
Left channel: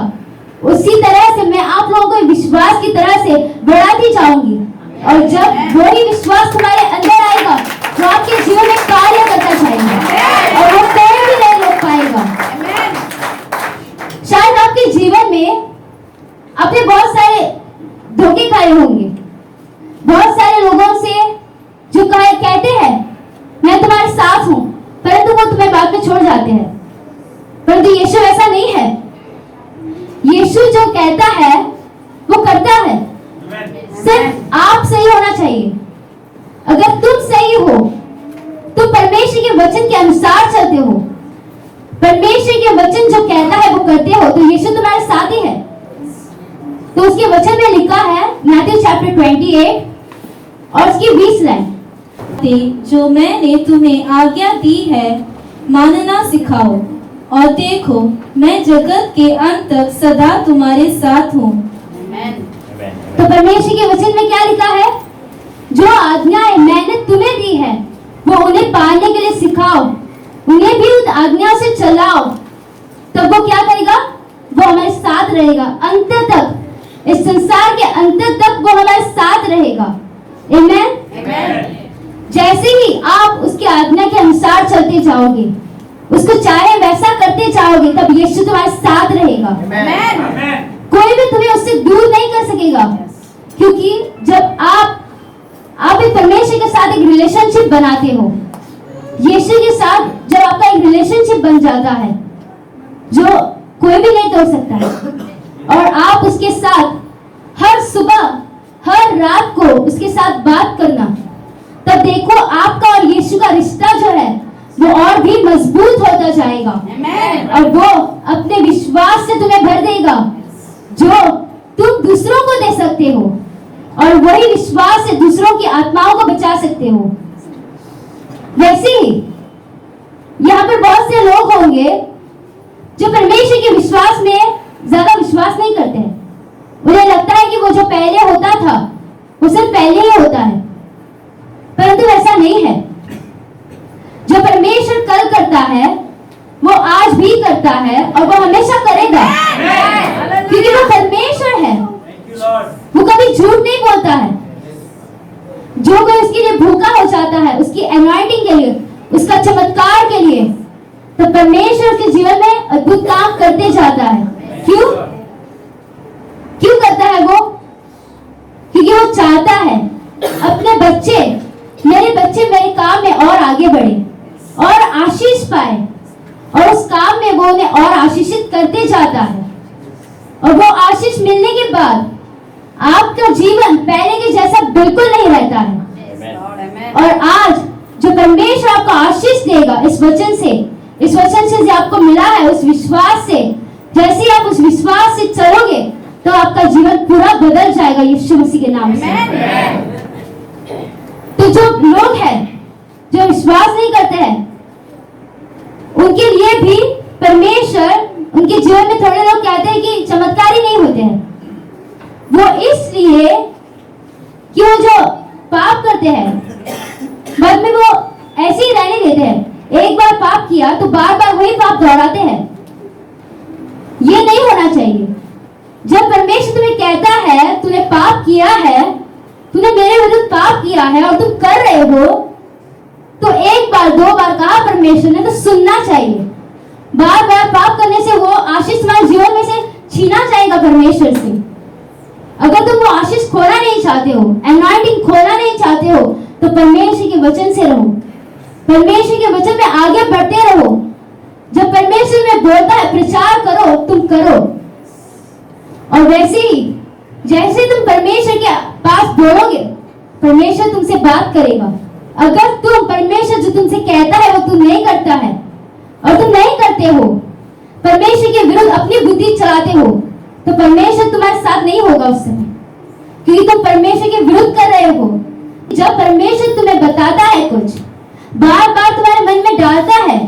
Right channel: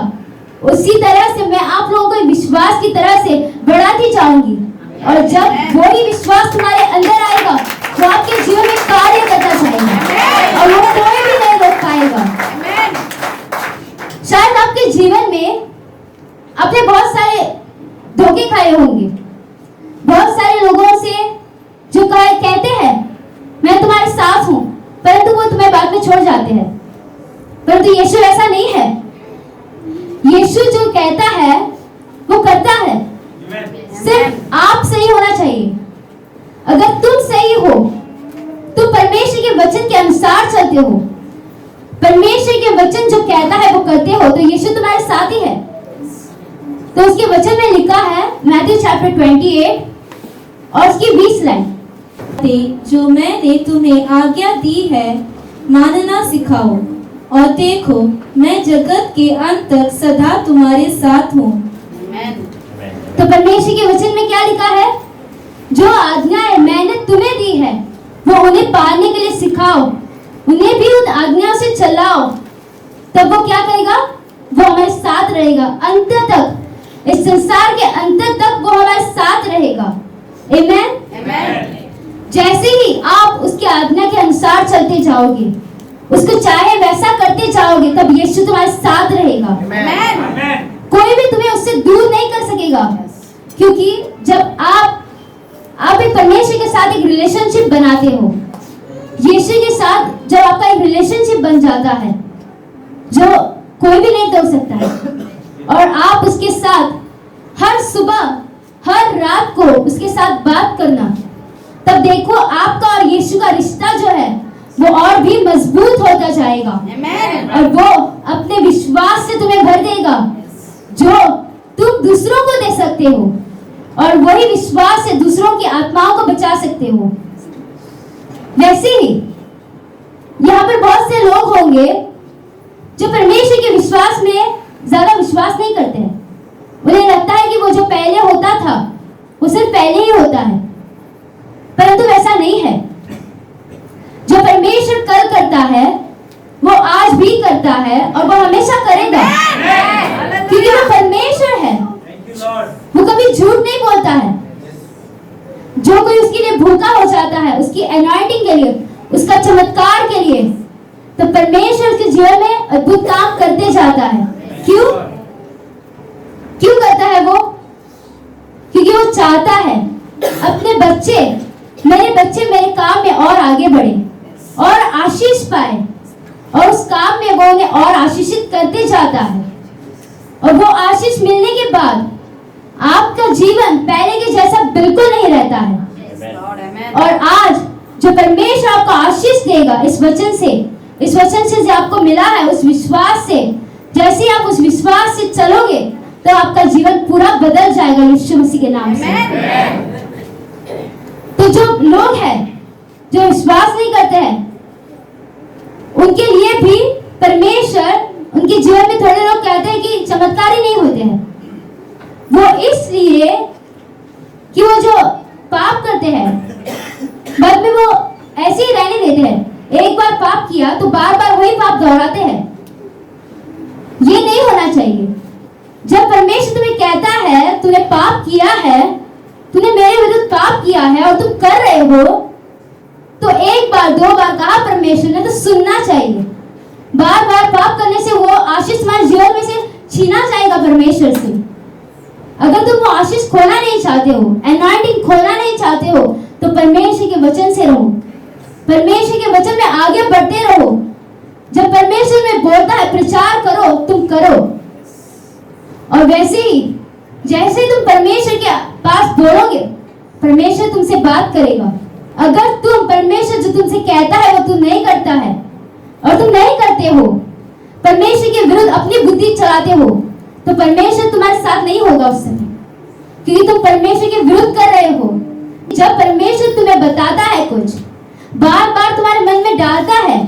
उसी तरह से मैं आप लोगों को विश्वास की तरह से बढ़ाती जाऊंगी। और जब वही विश्वास तुम्हारे अंदर आएगा तो आपके जीवन में कार्य करता जाएगा और वो कोई भी नहीं रोक पाएगा। शायद आपके जीवन में आपने बहुत सारे धोखे खाए होंगे, बहुत सारे लोगों से जो कहते हैं मैं तुम्हारे साथ हूं, परंतु वो तुम्हें बाद में छोड़ जाते हैं। परंतु यीशु ऐसा नहीं है। यीशु जो कहता है वो करता है। सिर्फ आप सही होना चाहिए। अगर तुम सही हो, तुम परमेश्वर के वचन के अनुसार चलते हो, परमेश्वर के वचन जो कहता है वो करते हो, तो यीशु तुम्हारे साथ ही है। तो उसके वचन में लिखा है मैथ्यू चैप्टर 28 और उसकी 20 लाइन, जो मैंने तुम्हें आज्ञा दी है मानना सिखाओ, और देखो मैं जगत के अंत तक सदा तुम्हारे साथ हूँ। तो परमेश्वर के वचन में क्या लिखा है? जो आज्ञाएं मैंने तुम्हें दी है वो उन्हें पालने के लिए सिखाओ, उन्हें भी उन आज्ञा से चलाओ, तब वो क्या करेगा? वो हमारे साथ रहेगा अंत तक, इस संसार के अंत तक वो हमारे साथ रहेगा। आमेन। जैसे ही आप उसकी आज्ञा के अनुसार चलते जाओगे, उसको चाहे वैसा करते जाओगे, तब यीशु तुम्हारे साथ रहेगा। कोई भी तुम्हें उससे दूर नहीं कर सकेगा, क्योंकि जब आप एक परमेश्वर के साथ एक रिलेशनशिप बनाते हो, यीशु के साथ जब आपका एक रिलेशनशिप बन जाता है जो कोई भी नहीं तोड़ सकता है, और आप उसके साथ हर सुबह हर रात को उसके साथ बात करना, तब देखो आपका और यीशु का रिश्ता जो है वो और भी मजबूत होता जाएगा। और वो अपने विश्वास से तुम्हें भर देगा जो तुम दूसरों को दे सकते हो, और वही विश्वास से दूसरों की आत्माओं को बचा सकते हो। वैसे ही यहाँ पर बहुत से लोग होंगे जो परमेश्वर के विश्वास में ज्यादा विश्वास नहीं करते हैं। उन्हें लगता है कि वो जो पहले होता था वो सिर्फ पहले ही होता है, परंतु ऐसा नहीं है। जो परमेश्वर कल करता है वो आज भी करता है और वो हमेशा करेगा, क्योंकि वो परमेश्वर है। वो कभी झूठ नहीं बोलता है। जो कोई उसके लिए भूखा हो जाता है, उसकी अनॉइंटिंग के लिए, उसका चमत्कार के लिए, तो परमेश्वर उसके जीवन में अद्भुत काम करते जाता है। क्यों करता है वो? क्योंकि वो चाहता है अपने बच्चे, मेरे बच्चे मेरे काम में और आगे बढ़े और आशीष पाए, और उस काम में वो उन्हें और आशीषित करते जाता है। और वो आशीष मिलने के बाद आपका जीवन पहले के जैसा बिल्कुल नहीं रहता है। और आज जो परमेश्वर आपको आशीष देगा इस वचन से जो आपको मिला है, उस विश्वास से, जैसे आप उस विश्वास से चलोगे तो आपका जीवन पूरा बदल जाएगा यीशु मसीह के नाम से। तो जो लोग हैं जो विश्वास नहीं करते हैं, उनके लिए भी परमेश्वर, उनके जीवन में थोड़े लोग कहते हैं कि चमत्कार ही नहीं होते हैं। वो इसलिए कि वो जो पाप करते हैं बाद में वो ऐसे ही रहने देते हैं। एक बार पाप किया तो बार बार वही पाप दोहराते हैं। ये नहीं होना चाहिए। जब परमेश्वर तुम्हें कहता है तूने पाप किया है, तूने मेरे विरुद्ध पाप किया है और तुम कर रहे हो, तो एक बार दो बार कहा परमेश्वर ने तो सुनना चाहिए। बार बार पाप करने से वो आशीष तुम्हारे जीवन में से छीना जाएगा परमेश्वर से। अगर तुम वो आशीष खोना नहीं चाहते हो, अनॉइंटिंग खोना नहीं चाहते हो, तो परमेश्वर के वचन से रहो, परमेश्वर के वचन में आगे बढ़ते रहो, जब परमेश्वर में बोलता है प्रचार करो, तुम करो। और वैसे ही जैसे तुम परमेश्वर के पास बोलोगे, परमेश्वर तुमसे बात करेगा। अगर तुम परमेश्वर जो तुमसे कहता है वो तुम नहीं करता है और तुम नहीं करते हो, परमेश्वर के विरुद्ध अपनी बुद्धि चलाते हो, तो परमेश्वर तुम्हारे साथ नहीं होगा उस समय, क्योंकि तुम परमेश्वर के विरुद्ध कर रहे हो। जब परमेश्वर तुम्हें बताता है कुछ, बार बार तुम्हारे मन में डालता है,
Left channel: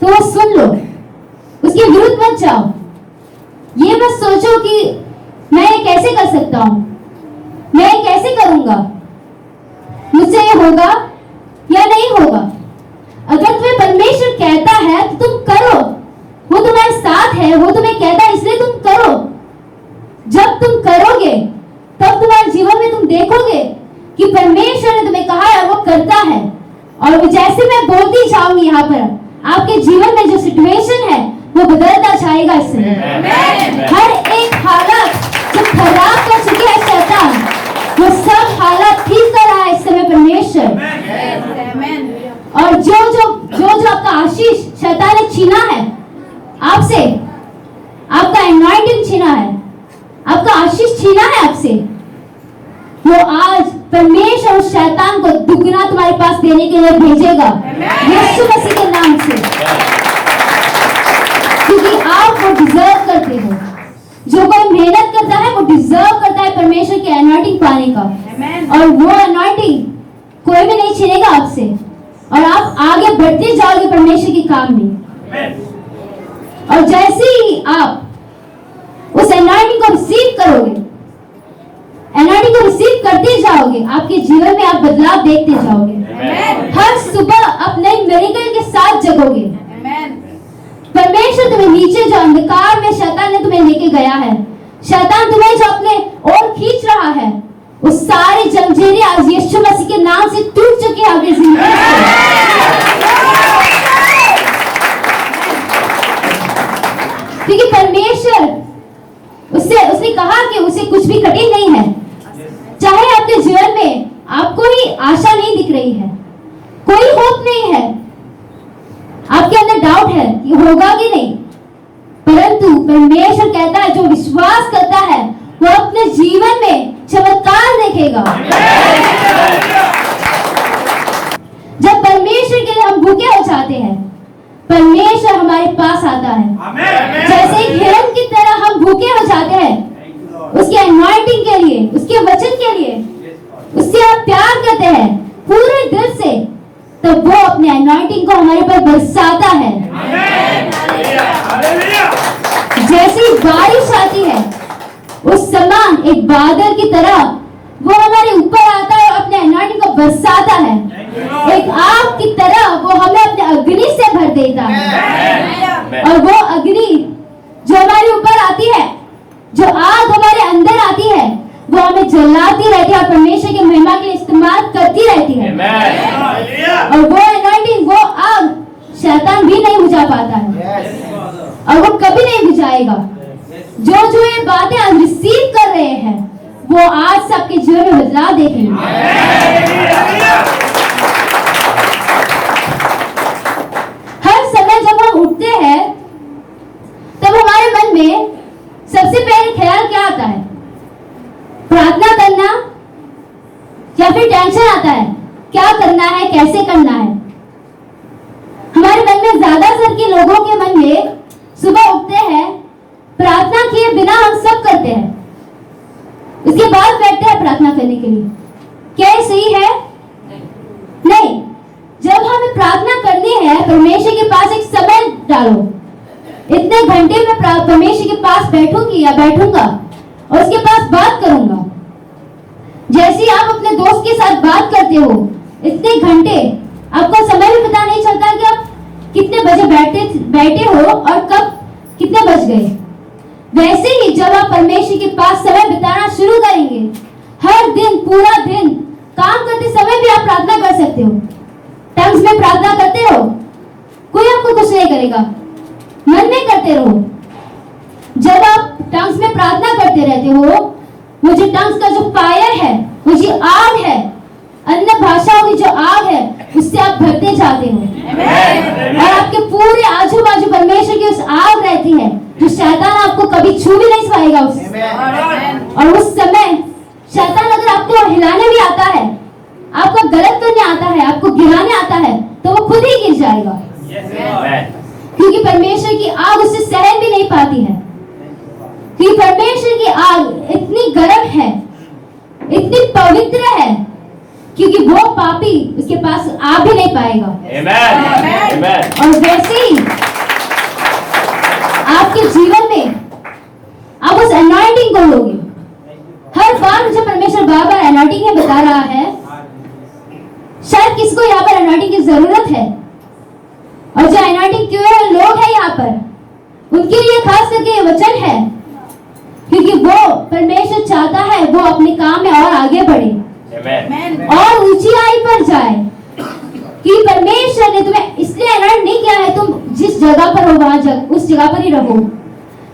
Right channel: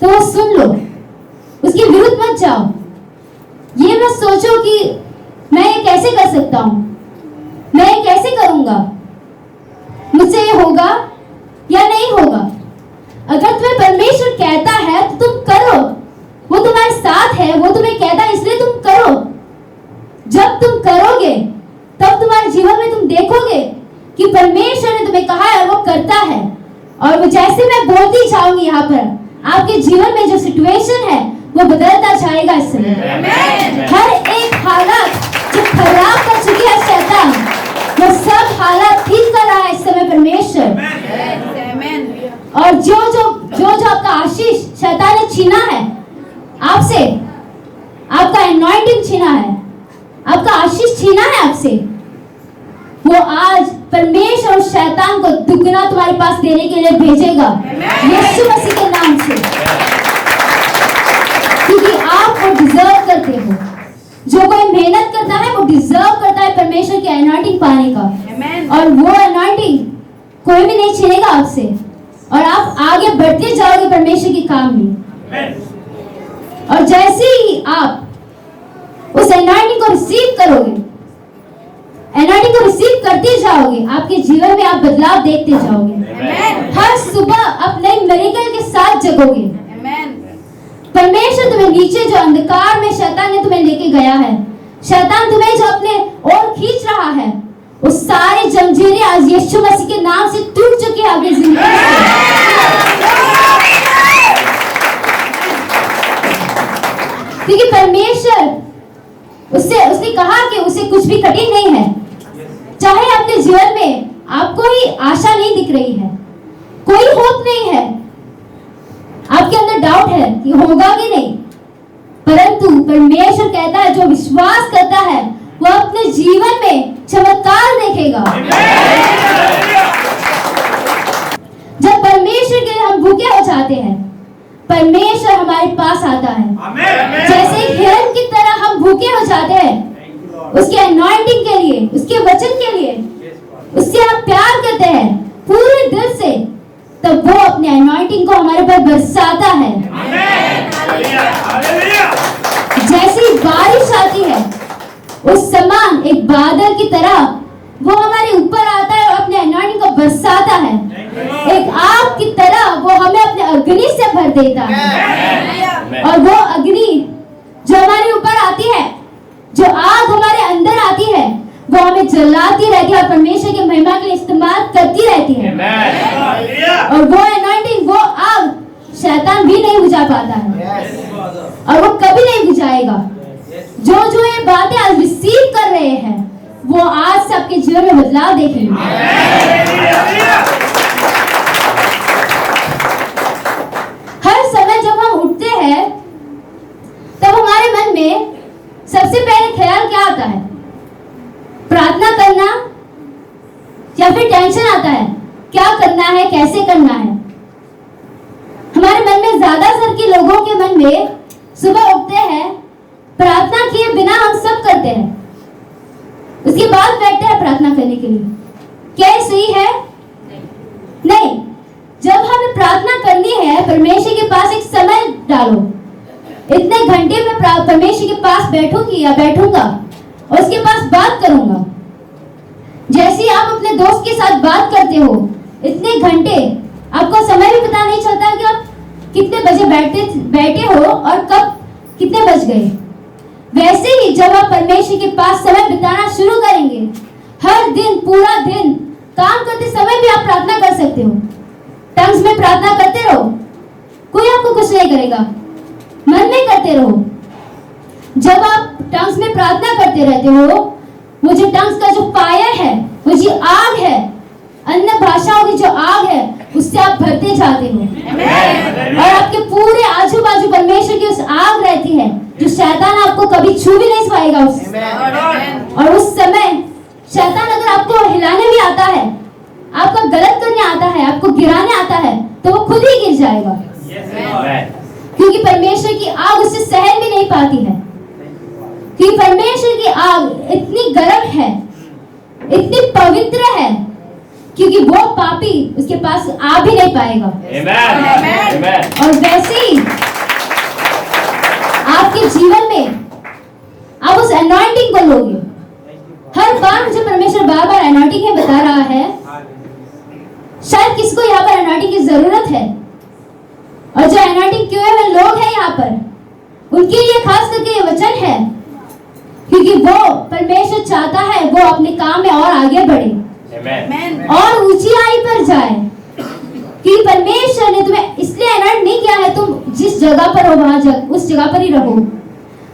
तो वो सुन लो, उसके विरुद्ध मत जाओ। ये मत सोचो कि मैं ये कैसे कर सकता हूं, मैं ये कैसे करूंगा, मुझसे ये होगा या नहीं होगा। अगर तुम्हें परमेश्वर कहता है तो तुम करो, वो तुम्हारे साथ है, वो तुम्हें कहता है इसलिए तुम करो। जब तुम करोगे तब तुम्हारे जीवन में तुम देखोगे कि परमेश्वर ने तुम्हें कहा है और वो करता है। और वो जैसे मैं बोलती जाऊंगी यहाँ पर, आपके जीवन में जो सिचुएशन है वो बदलता जाएगा। इस समय हर एक हालत जो खराब कर चुकी है शैतान, वो सब हालत ठीक कर रहा है इस समय परमेश्वर। और जो आपका आशीष शैतान ने छीना है आपसे, आपका एनॉइंटिंग छीना है, आपका आशीष छीना है आपसे, वो आज परमेश्वर और शैतान को दुगना तुम्हारे पास देने के लिए भेजेगा यीशु मसीह के नाम से, क्योंकि आप वो डिजर्व करते हो। जो कोई मेहनत करता है वो डिजर्व करता है परमेश्वर की एनॉइंटिंग पाने का, और वो एनॉइंटिंग कोई भी नहीं छीनेगा आपसे, और आप आगे बढ़ते जाओगे परमेश्वर के काम में। और जैसे ही आप उस एनॉइंटिंग को रिसीव करोगे, एनॉइंटिंग को रिसीव करते जाओगे, आपके जीवन में आप बदलाव देखते जाओगे। हर सुबह आप नई मिरेकल के साथ जगोगे। परमेश्वर तुम्हें नीचे जो अंधकार में शैतान ने तुम्हें लेके गया है, शैतान तुम्हें जो अपने ओर खींच रहा है, वो सारी जंजीरें आज यीशु मसीह के नाम से टूट चुकी है आपकी जिंदगी से। क्योंकि परमेश्वर उसने कहा कि उसे कुछ भी कठिन नहीं है। चाहे आपके जीवन में आपको ही आशा नहीं दिख रही है, कोई होप नहीं है, आपके अंदर डाउट है कि होगा कि नहीं, परंतु परमेश्वर कहता है जो विश्वास करता है वो अपने जीवन में चमत्कार देखेगा। जब परमेश्वर के लिए हम भूखे हो जाते हैं, परमेश्वर हमारे पास आता है। जैसे एक हिरन की तरह हम भूखे हो जाते हैं उसके एनॉइंटिंग के लिए, उसके वचन के लिए, उससे आप प्यार करते हैं पूरे दिल से, तब वो अपने एनॉइंटिंग को हमारे पर बरसाता है। जैसी बारिश आती है उस समान एक बादल की तरह वो हमारे ऊपर आता है और अपने एनॉइंटिंग को बरसाता है। एक आग की तरह वो हमें अपने अग्नि से भर देता है, और वो अग्नि जो हमारे ऊपर आती है, जो आग हमारे अंदर आती है, वो हमें जलाती रहती है और परमेश्वर की महिमा के लिए इस्तेमाल करती रहती है। और वो एनॉइंटिंग, वो आग शैतान भी नहीं बुझा पाता है और वो कभी नहीं बुझाएगा। जो ये बातें आज रिसीव कर रहे हैं वो आज से आपके जीवन में बदलाव देखेंगे। हर समय जब हम उठते हैं तब हमारे मन में सबसे पहले ख्याल क्या आता है? प्रार्थना करना या फिर टेंशन आता है, क्या करना है, कैसे करना है। हमारे मन में ज्यादातर के लोगों के मन में सुबह उठते हैं, प्रार्थना किए बिना हम सब करते हैं, उसके बाद बैठते हैं प्रार्थना करने के लिए। क्या ये सही है? नहीं। जब हमें प्रार्थना करनी है, परमेश्वर के पास एक समय डालो, इतने घंटे में परमेश्वर के पास बैठूंगी या बैठूंगा और उसके पास बात करूंगा। जैसे आप अपने दोस्त के साथ बात करते हो, इतने घंटे आपको समय भी पता नहीं चलता कि आप कितने बजे बैठे हो और कब कितने बज गए। वैसे ही जब आप परमेश्वर के पास समय बिताना शुरू करेंगे, हर दिन पूरा दिन काम करते समय भी आप प्रार्थना कर सकते हो। टंग्स में प्रार्थना करते रहो, कोई आपको कुछ नहीं करेगा, मन में करते रहो। जब आप टंग्स में प्रार्थना करते रहते हो, वो जो टंग्स का जो फायर है, वो जो आग है, अन्य भाषाओं की जो आग है, उससे आप भरते जाते हो और आपके पूरे आजू बाजू परमेश्वर की उस आग रहती है जो शैतान आपको कभी छू भी नहीं पाएगा और उस समय शैतान अगर आपको हिलाने भी आता है, आपको गलत करने आता है, आपको गिराने आता है, तो वो खुद ही गिर जाएगा क्योंकि परमेश्वर की आग उसे सहन भी नहीं पाती है। क्योंकि परमेश्वर की आग इतनी गर्म है, इतनी पवित्र है, क्योंकि वो पापी उसके पास आ भी नहीं पाएगा। और वैसे ही आपके जीवन में आप उस अनॉइंटिंग को लोगे। हर बार मुझे परमेश्वर बार बार अनॉइंटिंग में बता रहा है, शायद किसको यहाँ पर अनॉइंटिंग की जरूरत है और जो अनॉइंटिंग किए हुए लोग हैं यहाँ पर, उनके लिए खास करके ये वचन है, क्योंकि वो परमेश्वर चाहता है वो अपने काम में और आगे बढ़े और ऊंचाई पर जाए। कि परमेश्वर ने तुम्हें इसलिए अनॉइंट नहीं किया है तुम जिस जगह पर हो वहां उस जगह पर ही रहो।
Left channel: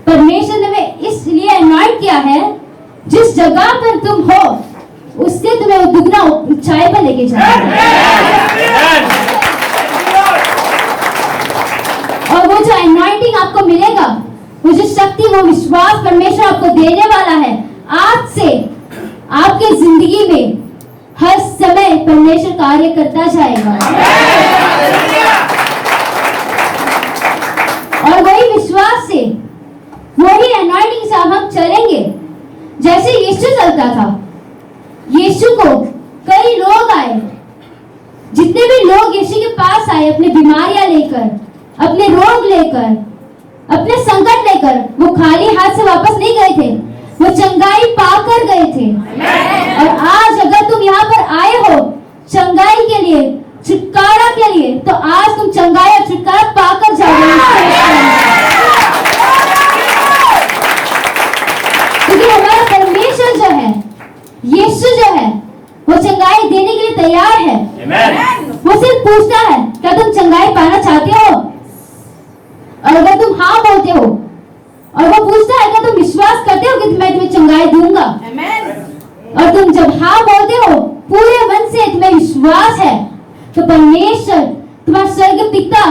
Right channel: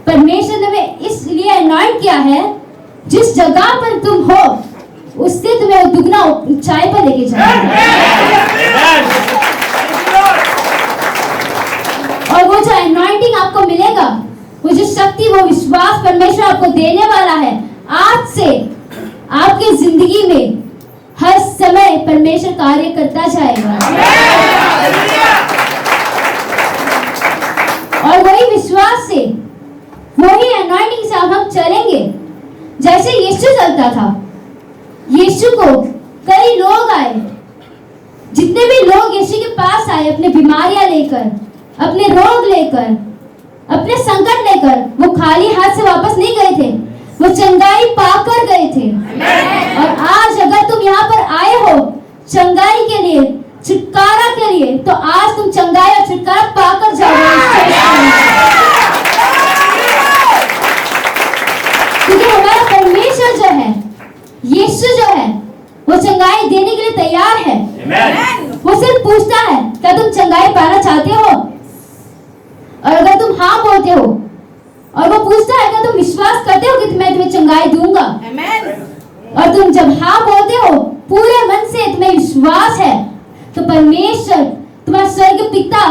परमेश्वर ने तुम्हें इसलिए अनॉइंट किया है जिस जगह पर तुम हो उससे तुम्हें दुगना ऊंचाई पर लेके जाए। और वो जो अनॉइंटिंग आपको मिलेगा, वो जो शक्ति, वो विश्वास परमेश्वर आपको देने वाला है, आज से आपकी जिंदगी में हर समय परमेश्वर कार्य करता जाएगा। और वही विश्वास से, वही अनॉइंटिंग से हम चलेंगे जैसे यीशु चलता था। यीशु को कई लोग आए, जितने भी लोग यीशु के पास आए अपने बीमारियां लेकर, अपने रोग लेकर, अपने संकट लेकर, वो खाली हाथ से वापस नहीं गए थे, वो चंगाई पाकर गए थे। और आज अगर तुम यहाँ पर आए हो चंगाई के लिए, छुटकारा के लिए, तो आज तुम चंगाई और छुटकारा पाकर जाओगे। क्योंकि हमारा परमेश्वर जो है, यीशु जो है, वो चंगाई देने के लिए तैयार है। वो सिर्फ पूछता है क्या तुम चंगाई पाना चाहते हो, और अगर तुम हाँ बोलते हो, और वो पूछता है क्या तुम विश्वास करते हो कि मैं तुम्हें चंगाई दूंगा, और तुम जब हाँ बोलते हो पूरे मन से, तुम्हें विश्वास है, तो परमेश्वर तुम्हारा स्वर्ग पिता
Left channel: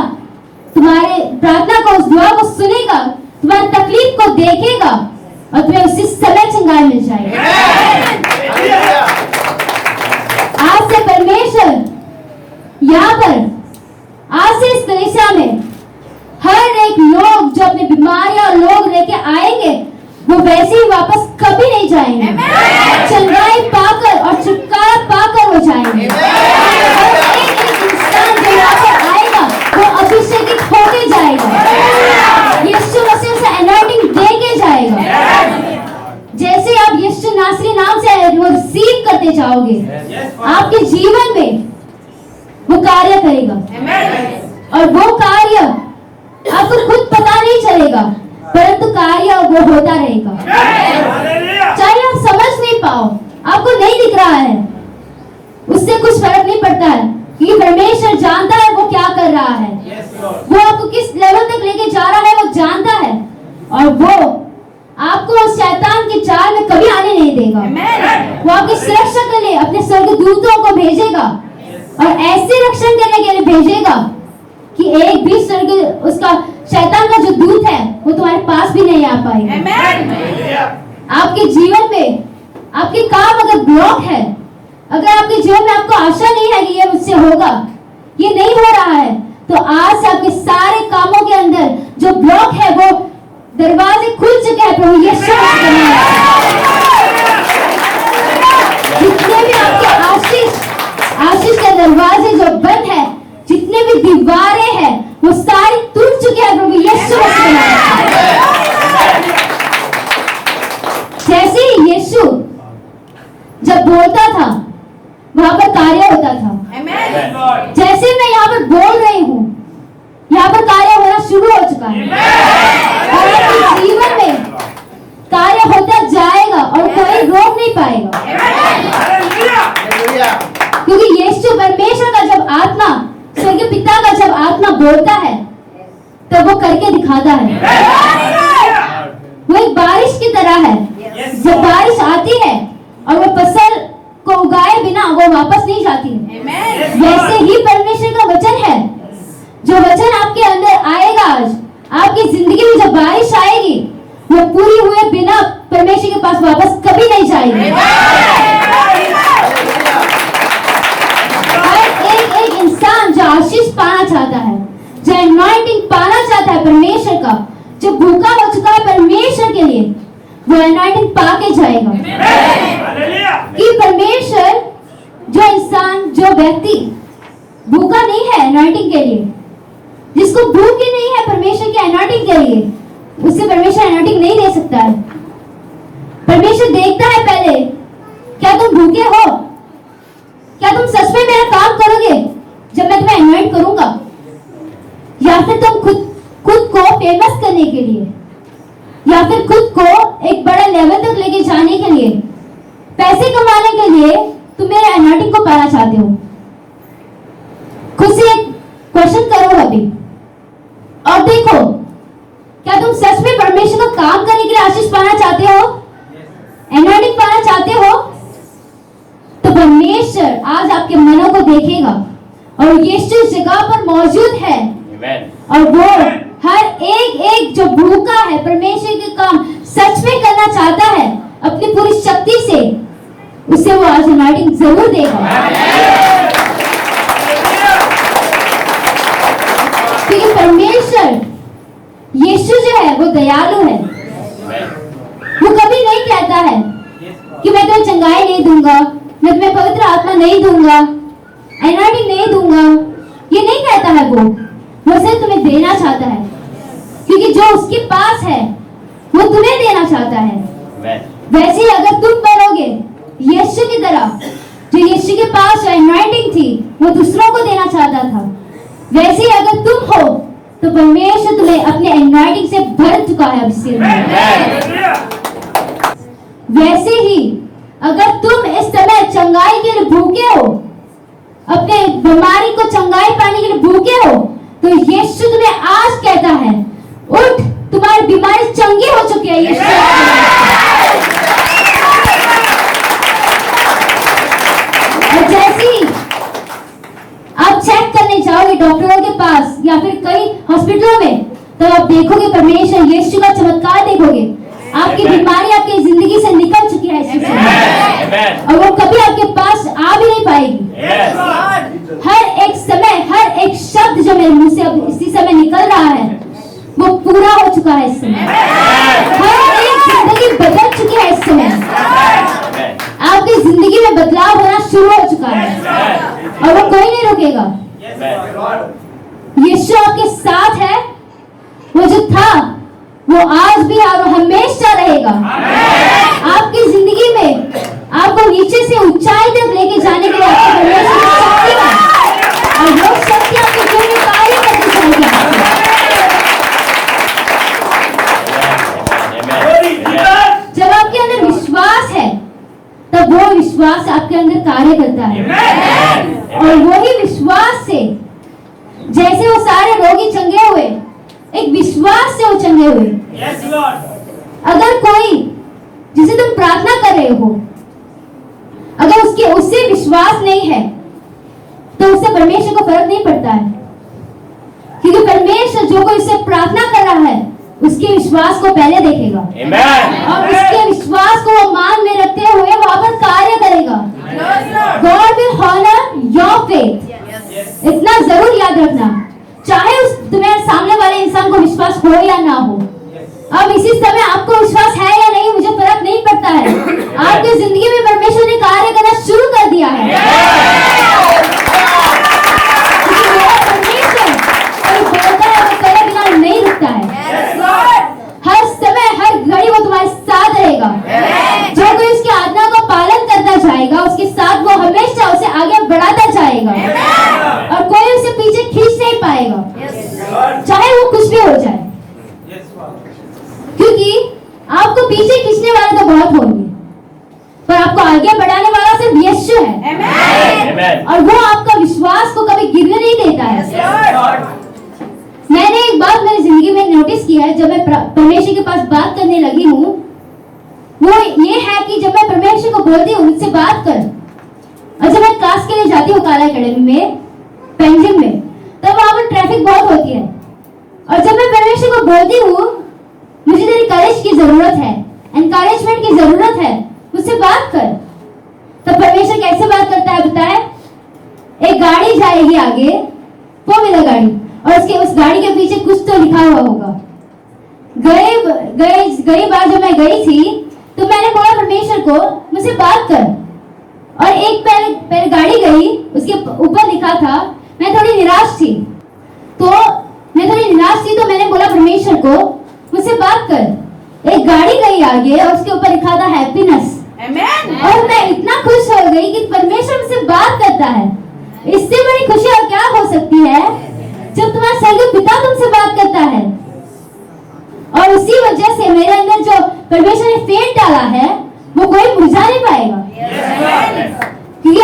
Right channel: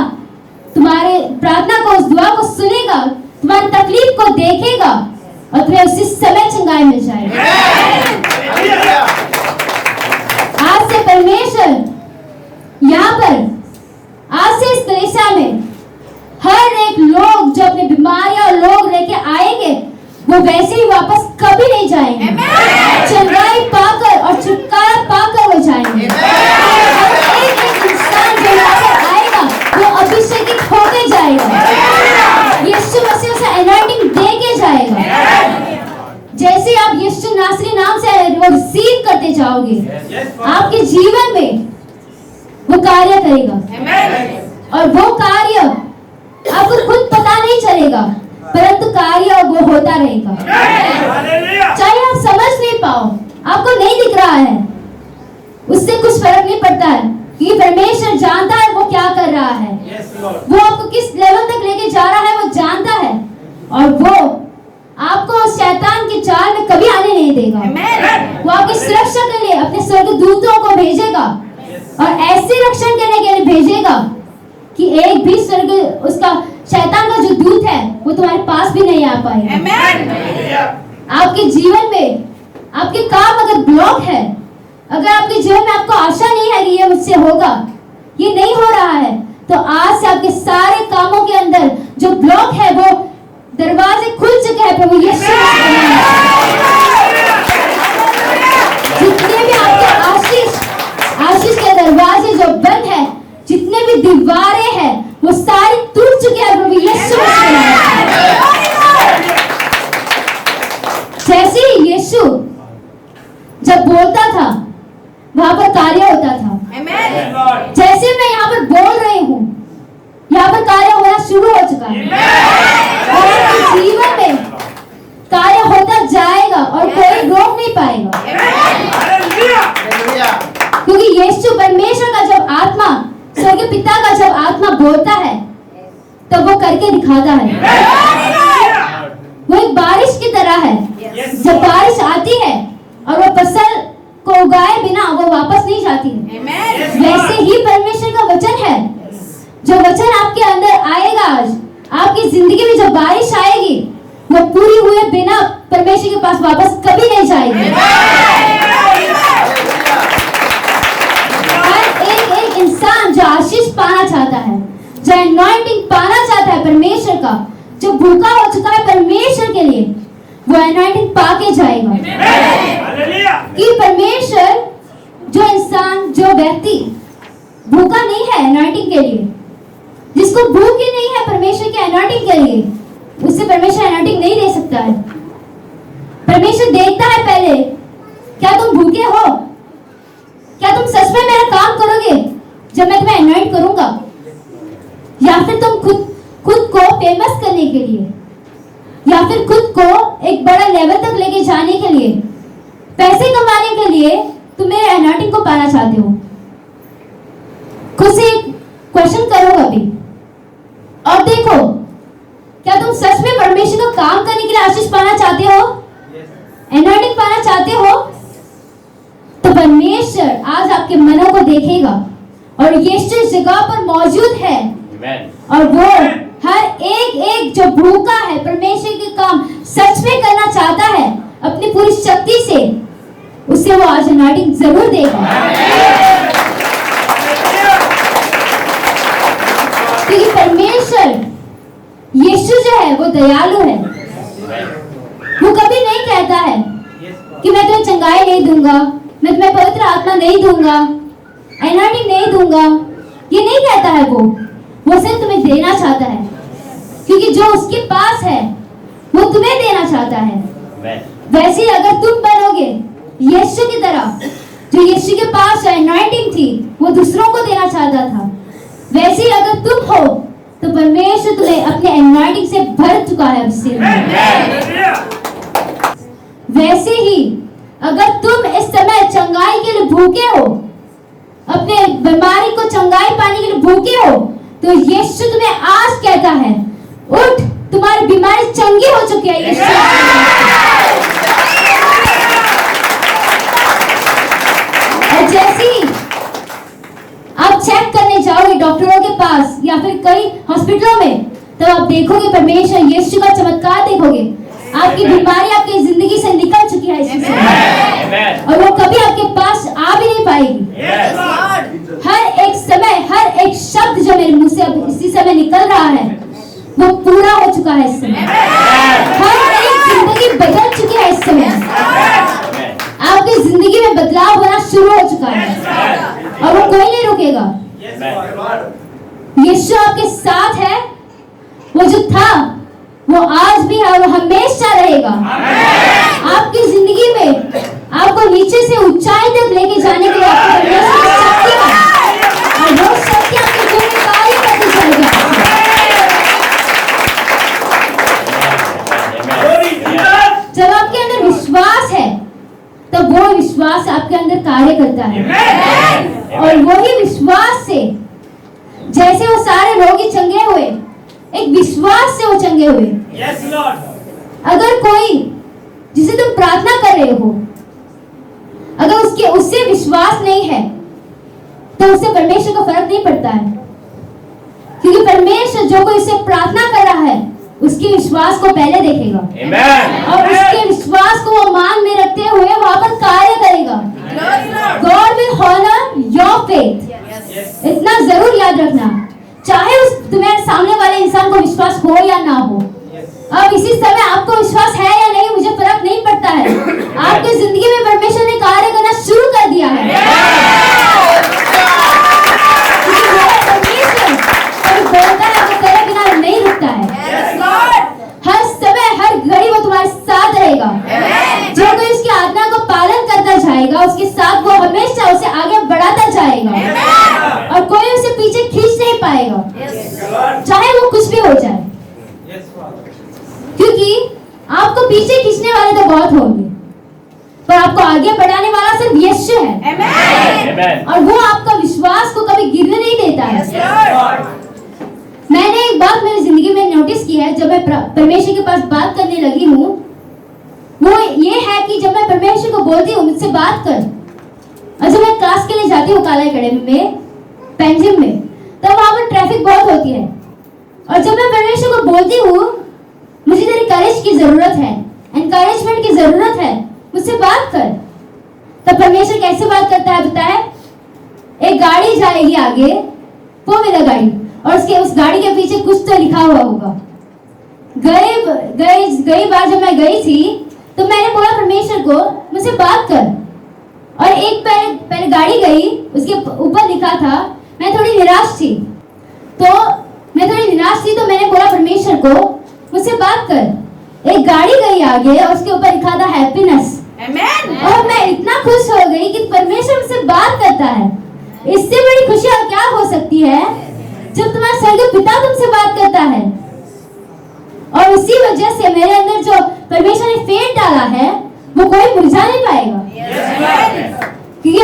तुम्हारे प्रार्थना को, उस दुआ को सुनेगा, तुम्हारी तकलीफ को देखेगा और तुम्हें उसी समय चंगाई मिल जाएगी। आज से परमेश्वर यहाँ पर, आज से इस कलीसिया में हर एक लोग जो अपने बीमारियां और लोग लेके आएंगे, वो वैसे ही वापस कभी नहीं जाएंगे। चंगाई पाकर और छुटकारा पाकर वो जाएंगे। हर एक इंसान जो यहाँ पर आएगा वो अभिषेकित होके जाएगा। यीशु मसीह से अनॉइंटिंग दे के जाएगा। जैसे आप यीशु नासरी नाम से वो रिसीव करते जाओगे, आपके जीवन में वो कार्य करेगा। और वो कार्य आपको खुद पता नहीं चलेगा, परंतु कार्य वो होता रहेगा। चाहे आप समझ नहीं पाओ, आपको नहीं दिख रहा है, उससे कुछ फर्क नहीं पड़ता है, क्योंकि परमेश्वर जानता है वो क्या कर रहा है। वो आपको किस लेवल तक लेके जा रहा है वो जानता है, और वो आपको शैतान के जाल में कभी आने नहीं देगा। वो आपकी सुरक्षा के लिए अपने स्वर्गदूतों को भेजेगा और ऐसे रक्षण करने के लिए भेजेगा कि एक भी स्वर्ग उसका शैतान का जो दूत है वो तुम्हारे पास भी नहीं आ पाएगा। आपके जीवन में आपके काम अगर ब्लॉक है, अगर आपके जीवन में आपको आशा नहीं है कि ये मुझसे होगा, ये नहीं हो रहा है, तो आज से आपके सारे कामों के अंदर जो ब्लॉक है वो दरवाजे खुल चुके हैं प्रभु यीशु जितने भी आपके आशीष के दरवाजे जो बंद है, जितने भी दीवारें हैं वो सारी टूट चुकी है प्रभु यीशु जैसे ही यीशु जब बोलता था वहां पर कार्य होता था। जैसे मैं यहाँ पर बोल रही हूँ, यहाँ पर कार्य होना शुरू हो चुका है और आपके जीवन में कार्य होता जाएगा और कोई रोक नहीं पाएगा। क्योंकि यीशु परमेश्वर का जब आत्मा, स्वर्गीय पिता का जब आत्मा बोलता है तब वो करके दिखाता है। वो एक बारिश की तरह है, जब बारिश आती है और वो फसल को उगाए बिना वो वापस नहीं जाती है, वैसे ही परमेश्वर वापस कभी नहीं जाएगी। हर एक इंसान जो आशीष पाना चाहता है, जो एनॉइंटिंग पाना चाहता है परमेश्वर का, जो भूखा हो चुका है परमेश्वर के लिए, वो एनॉइंटिंग पाके जाएगा। कि परमेश्वर, जो इंसान, जो व्यक्ति भूखा नहीं है एनॉइंटिंग के लिए, जिसको भूख ही नहीं है परमेश्वर के एनॉइंटिंग के लिए, उससे परमेश्वर एनॉइंटिंग नहीं दे सकता है। परमेश्वर देखता है पहले, क्या तुम भूखे हो? क्या तुम सच में मेरा काम करोगे जब मैं तुम्हें एनॉइंट करूंगा? या फिर तुम खुद को फेमस करने के लिए, या फिर खुद को एक बड़ा लेवल तक लेके जाने के लिए, पैसे कमाने के लिए तुम मेरे एनॉइंटिंग को पाना चाहते हो? खुद से एक क्वेश्चन करो अभी और देखो, क्या तुम सच में परमेश्वर को काम करने के लिए आशीष पाना चाहते हो, एनॉइंटिंग पाना चाहते हो? तो परमेश्वर आज आपके मनों को देखेगा और यीशु इस जगह पर मौजूद है। और वो हर एक जो भूखा है परमेश्वर के काम सच में करना चाहता है अपनी पूरी शक्ति से, उसे वो आज एनॉइंटिंग जरूर देगा। क्योंकि परमेश्वर यीशु जो है वो दयालु है। वो कभी नहीं कहता है कि मैं तुम्हें चंगाई नहीं दूंगा, मैं तुम्हें पवित्र आत्मा नहीं दूंगा, एनॉइंटिंग नहीं दूंगा, ये नहीं कहता है। वो सिर्फ तुम्हें देना चाहता है, क्योंकि जो उसके पास है वो तुम्हें देना चाहता है। वैसे ही अगर तुम बनोगे यीशु की तरह, जो यीशु के पास एनॉइंटिंग थी वो दूसरों को देना चाहता था, वैसे ही अगर तुम हो तो परमेश्वर तुम्हें अपने एनॉइंटिंग से भर चुका है अभिषेक में। वैसे ही अगर तुम इस समय चंगाई के लिए भूखे हो, अपने बीमारी को चंगाई पाने के लिए भूखे हो, तो यीशु तुम्हें आज कहता है, उठ, तुम्हारी बीमारी चंगी हो चुकी है। यीशु और जैसे ही आप चेक करने जाओगे डॉक्टरों के पास या फिर कई हॉस्पिटलों में, तो आप देखोगे परमेश्वर यीशु का चमत्कार देखोगे। आपकी बीमारी आपकी जिंदगी से निकल चुकी है और वो कभी आपके पास आ भी नहीं पाएगी। हर एक समय, हर एक शब्द जो मेरे मुंह से अब इसी समय निकल रहा है वो पूरा हो चुका है इस समय। हर एक जिंदगी बदल चुकी है इस समय। आपकी जिंदगी में बदलाव होना शुरू हो चुका है और वो कोई नहीं रोकेगा। यीशु आपके साथ है। वो जो था वो आज भी है और हमेशा रहेगा। आपकी जिंदगी में आपको नीचे से ऊंचाई तक लेके जाने के लिए आपकी परमेश्वर की शक्ति है और वो शक्ति आपके जीवन में कार्य करती चलेगी। जब आपके अंदर विश्वास है तब वो विश्वास आपके अंदर कार्य करता है और वही विश्वास से, जैसे वो सारे रोगी चंगे हुए, एक विश्वास से वो चंगे हुए। Yes, Lord. अगर कोई जिसे तुम प्रार्थना कर रहे हो, अगर उससे विश्वास नहीं है तो उससे परमेश्वर को फर्क नहीं पड़ता है, क्योंकि परमेश्वर जो कोई उससे प्रार्थना कर रहा है उसके विश्वास को पहले देखेगा। Amen. और उसके विश्वास को वो मान में रखते हुए वहां पर कार्य करेगा। God will honor your faith. इतना जरूर याद रखना, चाहे उस तुम्हारे सामने वाले इंसान को विश्वास हो या ना हो। अब इसी समय आपको विश्वास है या नहीं मुझे फर्क नहीं पड़ता है। आपकी जिंदगी में परमेश्वर ने कार्य करना शुरू कर दिया है। परमेश्वर बोलता है वो करे बिना नहीं रुकता है। हर समय हर घड़ी वो तुम्हारे साथ रहेगा। जो कोई उसकी आज्ञा को पालन करता जाएगा उसके साथ वो हमेशा उसे आगे बढ़ाता जाएगा और कोई उसे पीछे खींच नहीं पाएगा, चाहे वो कुछ भी हो जाए, क्योंकि आपको पीछे खींचने वाले तो बहुत होंगे पर आपको आगे बढ़ाने वाला सिर्फ यीशु है। और वो आपका विश्वास को कभी गिरने नहीं देता है। मैंने एक बात मेरी जिंदगी में नोटिस किया है, जब मैं परमेश्वर के पास बात करने लगी हूँ, वो ये है कि जब मैं परमेश्वर को बोलती हूँ मुझसे बात कर, और जब मैं क्लास के लिए जाती हूँ काला एकेडमी में, पेंजिम में, तब वहां पर ट्रैफिक बहुत होती है और जब मैं परमेश्वर को बोलती हूँ मुझे तेरी करेज की जरूरत है एंड encouragement की जरूरत है, मुझसे बात कर। तब परमेश्वर कैसे बात करता है बताए? एक गाड़ी जाएगी आगे, वो मेरा गाड़ी, और उस गाड़ी के पीछे कुछ तो लिखा हुआ होगा। गई बार जब मैं गई थी तो मैंने बोला परमेश्वर को मुझसे बात कर, और एक पहले गाड़ी गई, उसके ऊपर लिखा था, मैं थोड़ी निराश थी तो मैंने बोला परमेश्वर को मुझसे बात कर। एक गाड़ी गई आगे और उसके ऊपर लिखा था हैप्पीनेस, और मैं इतना खुश हो गई कि परमेश्वर मुझसे बात करता है। इससे बड़ी खुशी और क्या हो सकती है जब तुम्हारा स्वर्गीय पिता तुमसे बात करता है। और उसी वजह से मेरे अंदर जो परमेश्वर ने फेट डाला है वो कोई मुरझा नहीं पाएगा, क्योंकि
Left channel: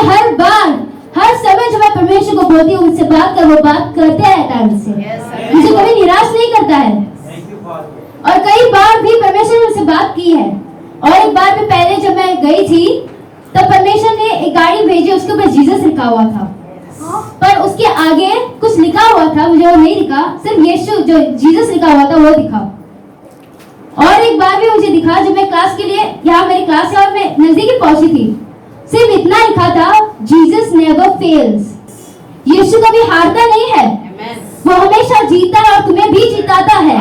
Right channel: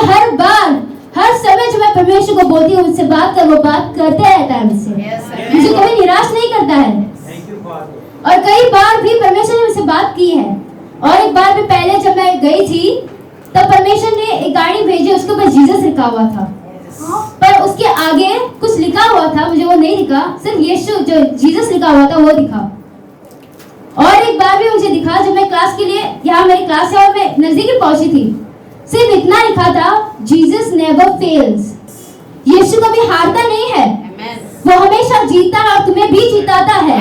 हर समय जो मैं परमेश्वर को बोलती हूँ मुझसे बात कर, वो बात करते रहता है मुझे कभी निराश नहीं करता है। और कई बार भी परमेश्वर ने मुझसे बात की है। और एक बार में पहले जब मैं गई थी तब परमेश्वर ने एक गाड़ी भेजी, उसके ऊपर जीसस लिखा हुआ था, पर उसके आगे कुछ लिखा हुआ था, मुझे वो नहीं दिखा, सिर्फ यीशु जो जीसस लिखा हुआ था वो दिखा। और एक बार भी मुझे दिखा जब मैं क्लास के लिए, यहाँ मेरी क्लास है और मैं नजदीक पहुंची थी, सिर्फ इतना लिखा था, जीसस नेवर फेल्स। यीशु कभी हारता नहीं है, वो हमेशा जीता है और तुम्हें भी जिताता है।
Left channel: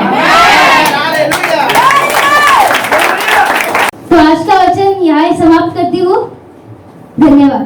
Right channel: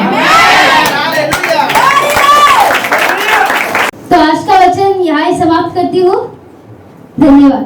तो आज का वचन यहाँ समाप्त करती हूँ। धन्यवाद।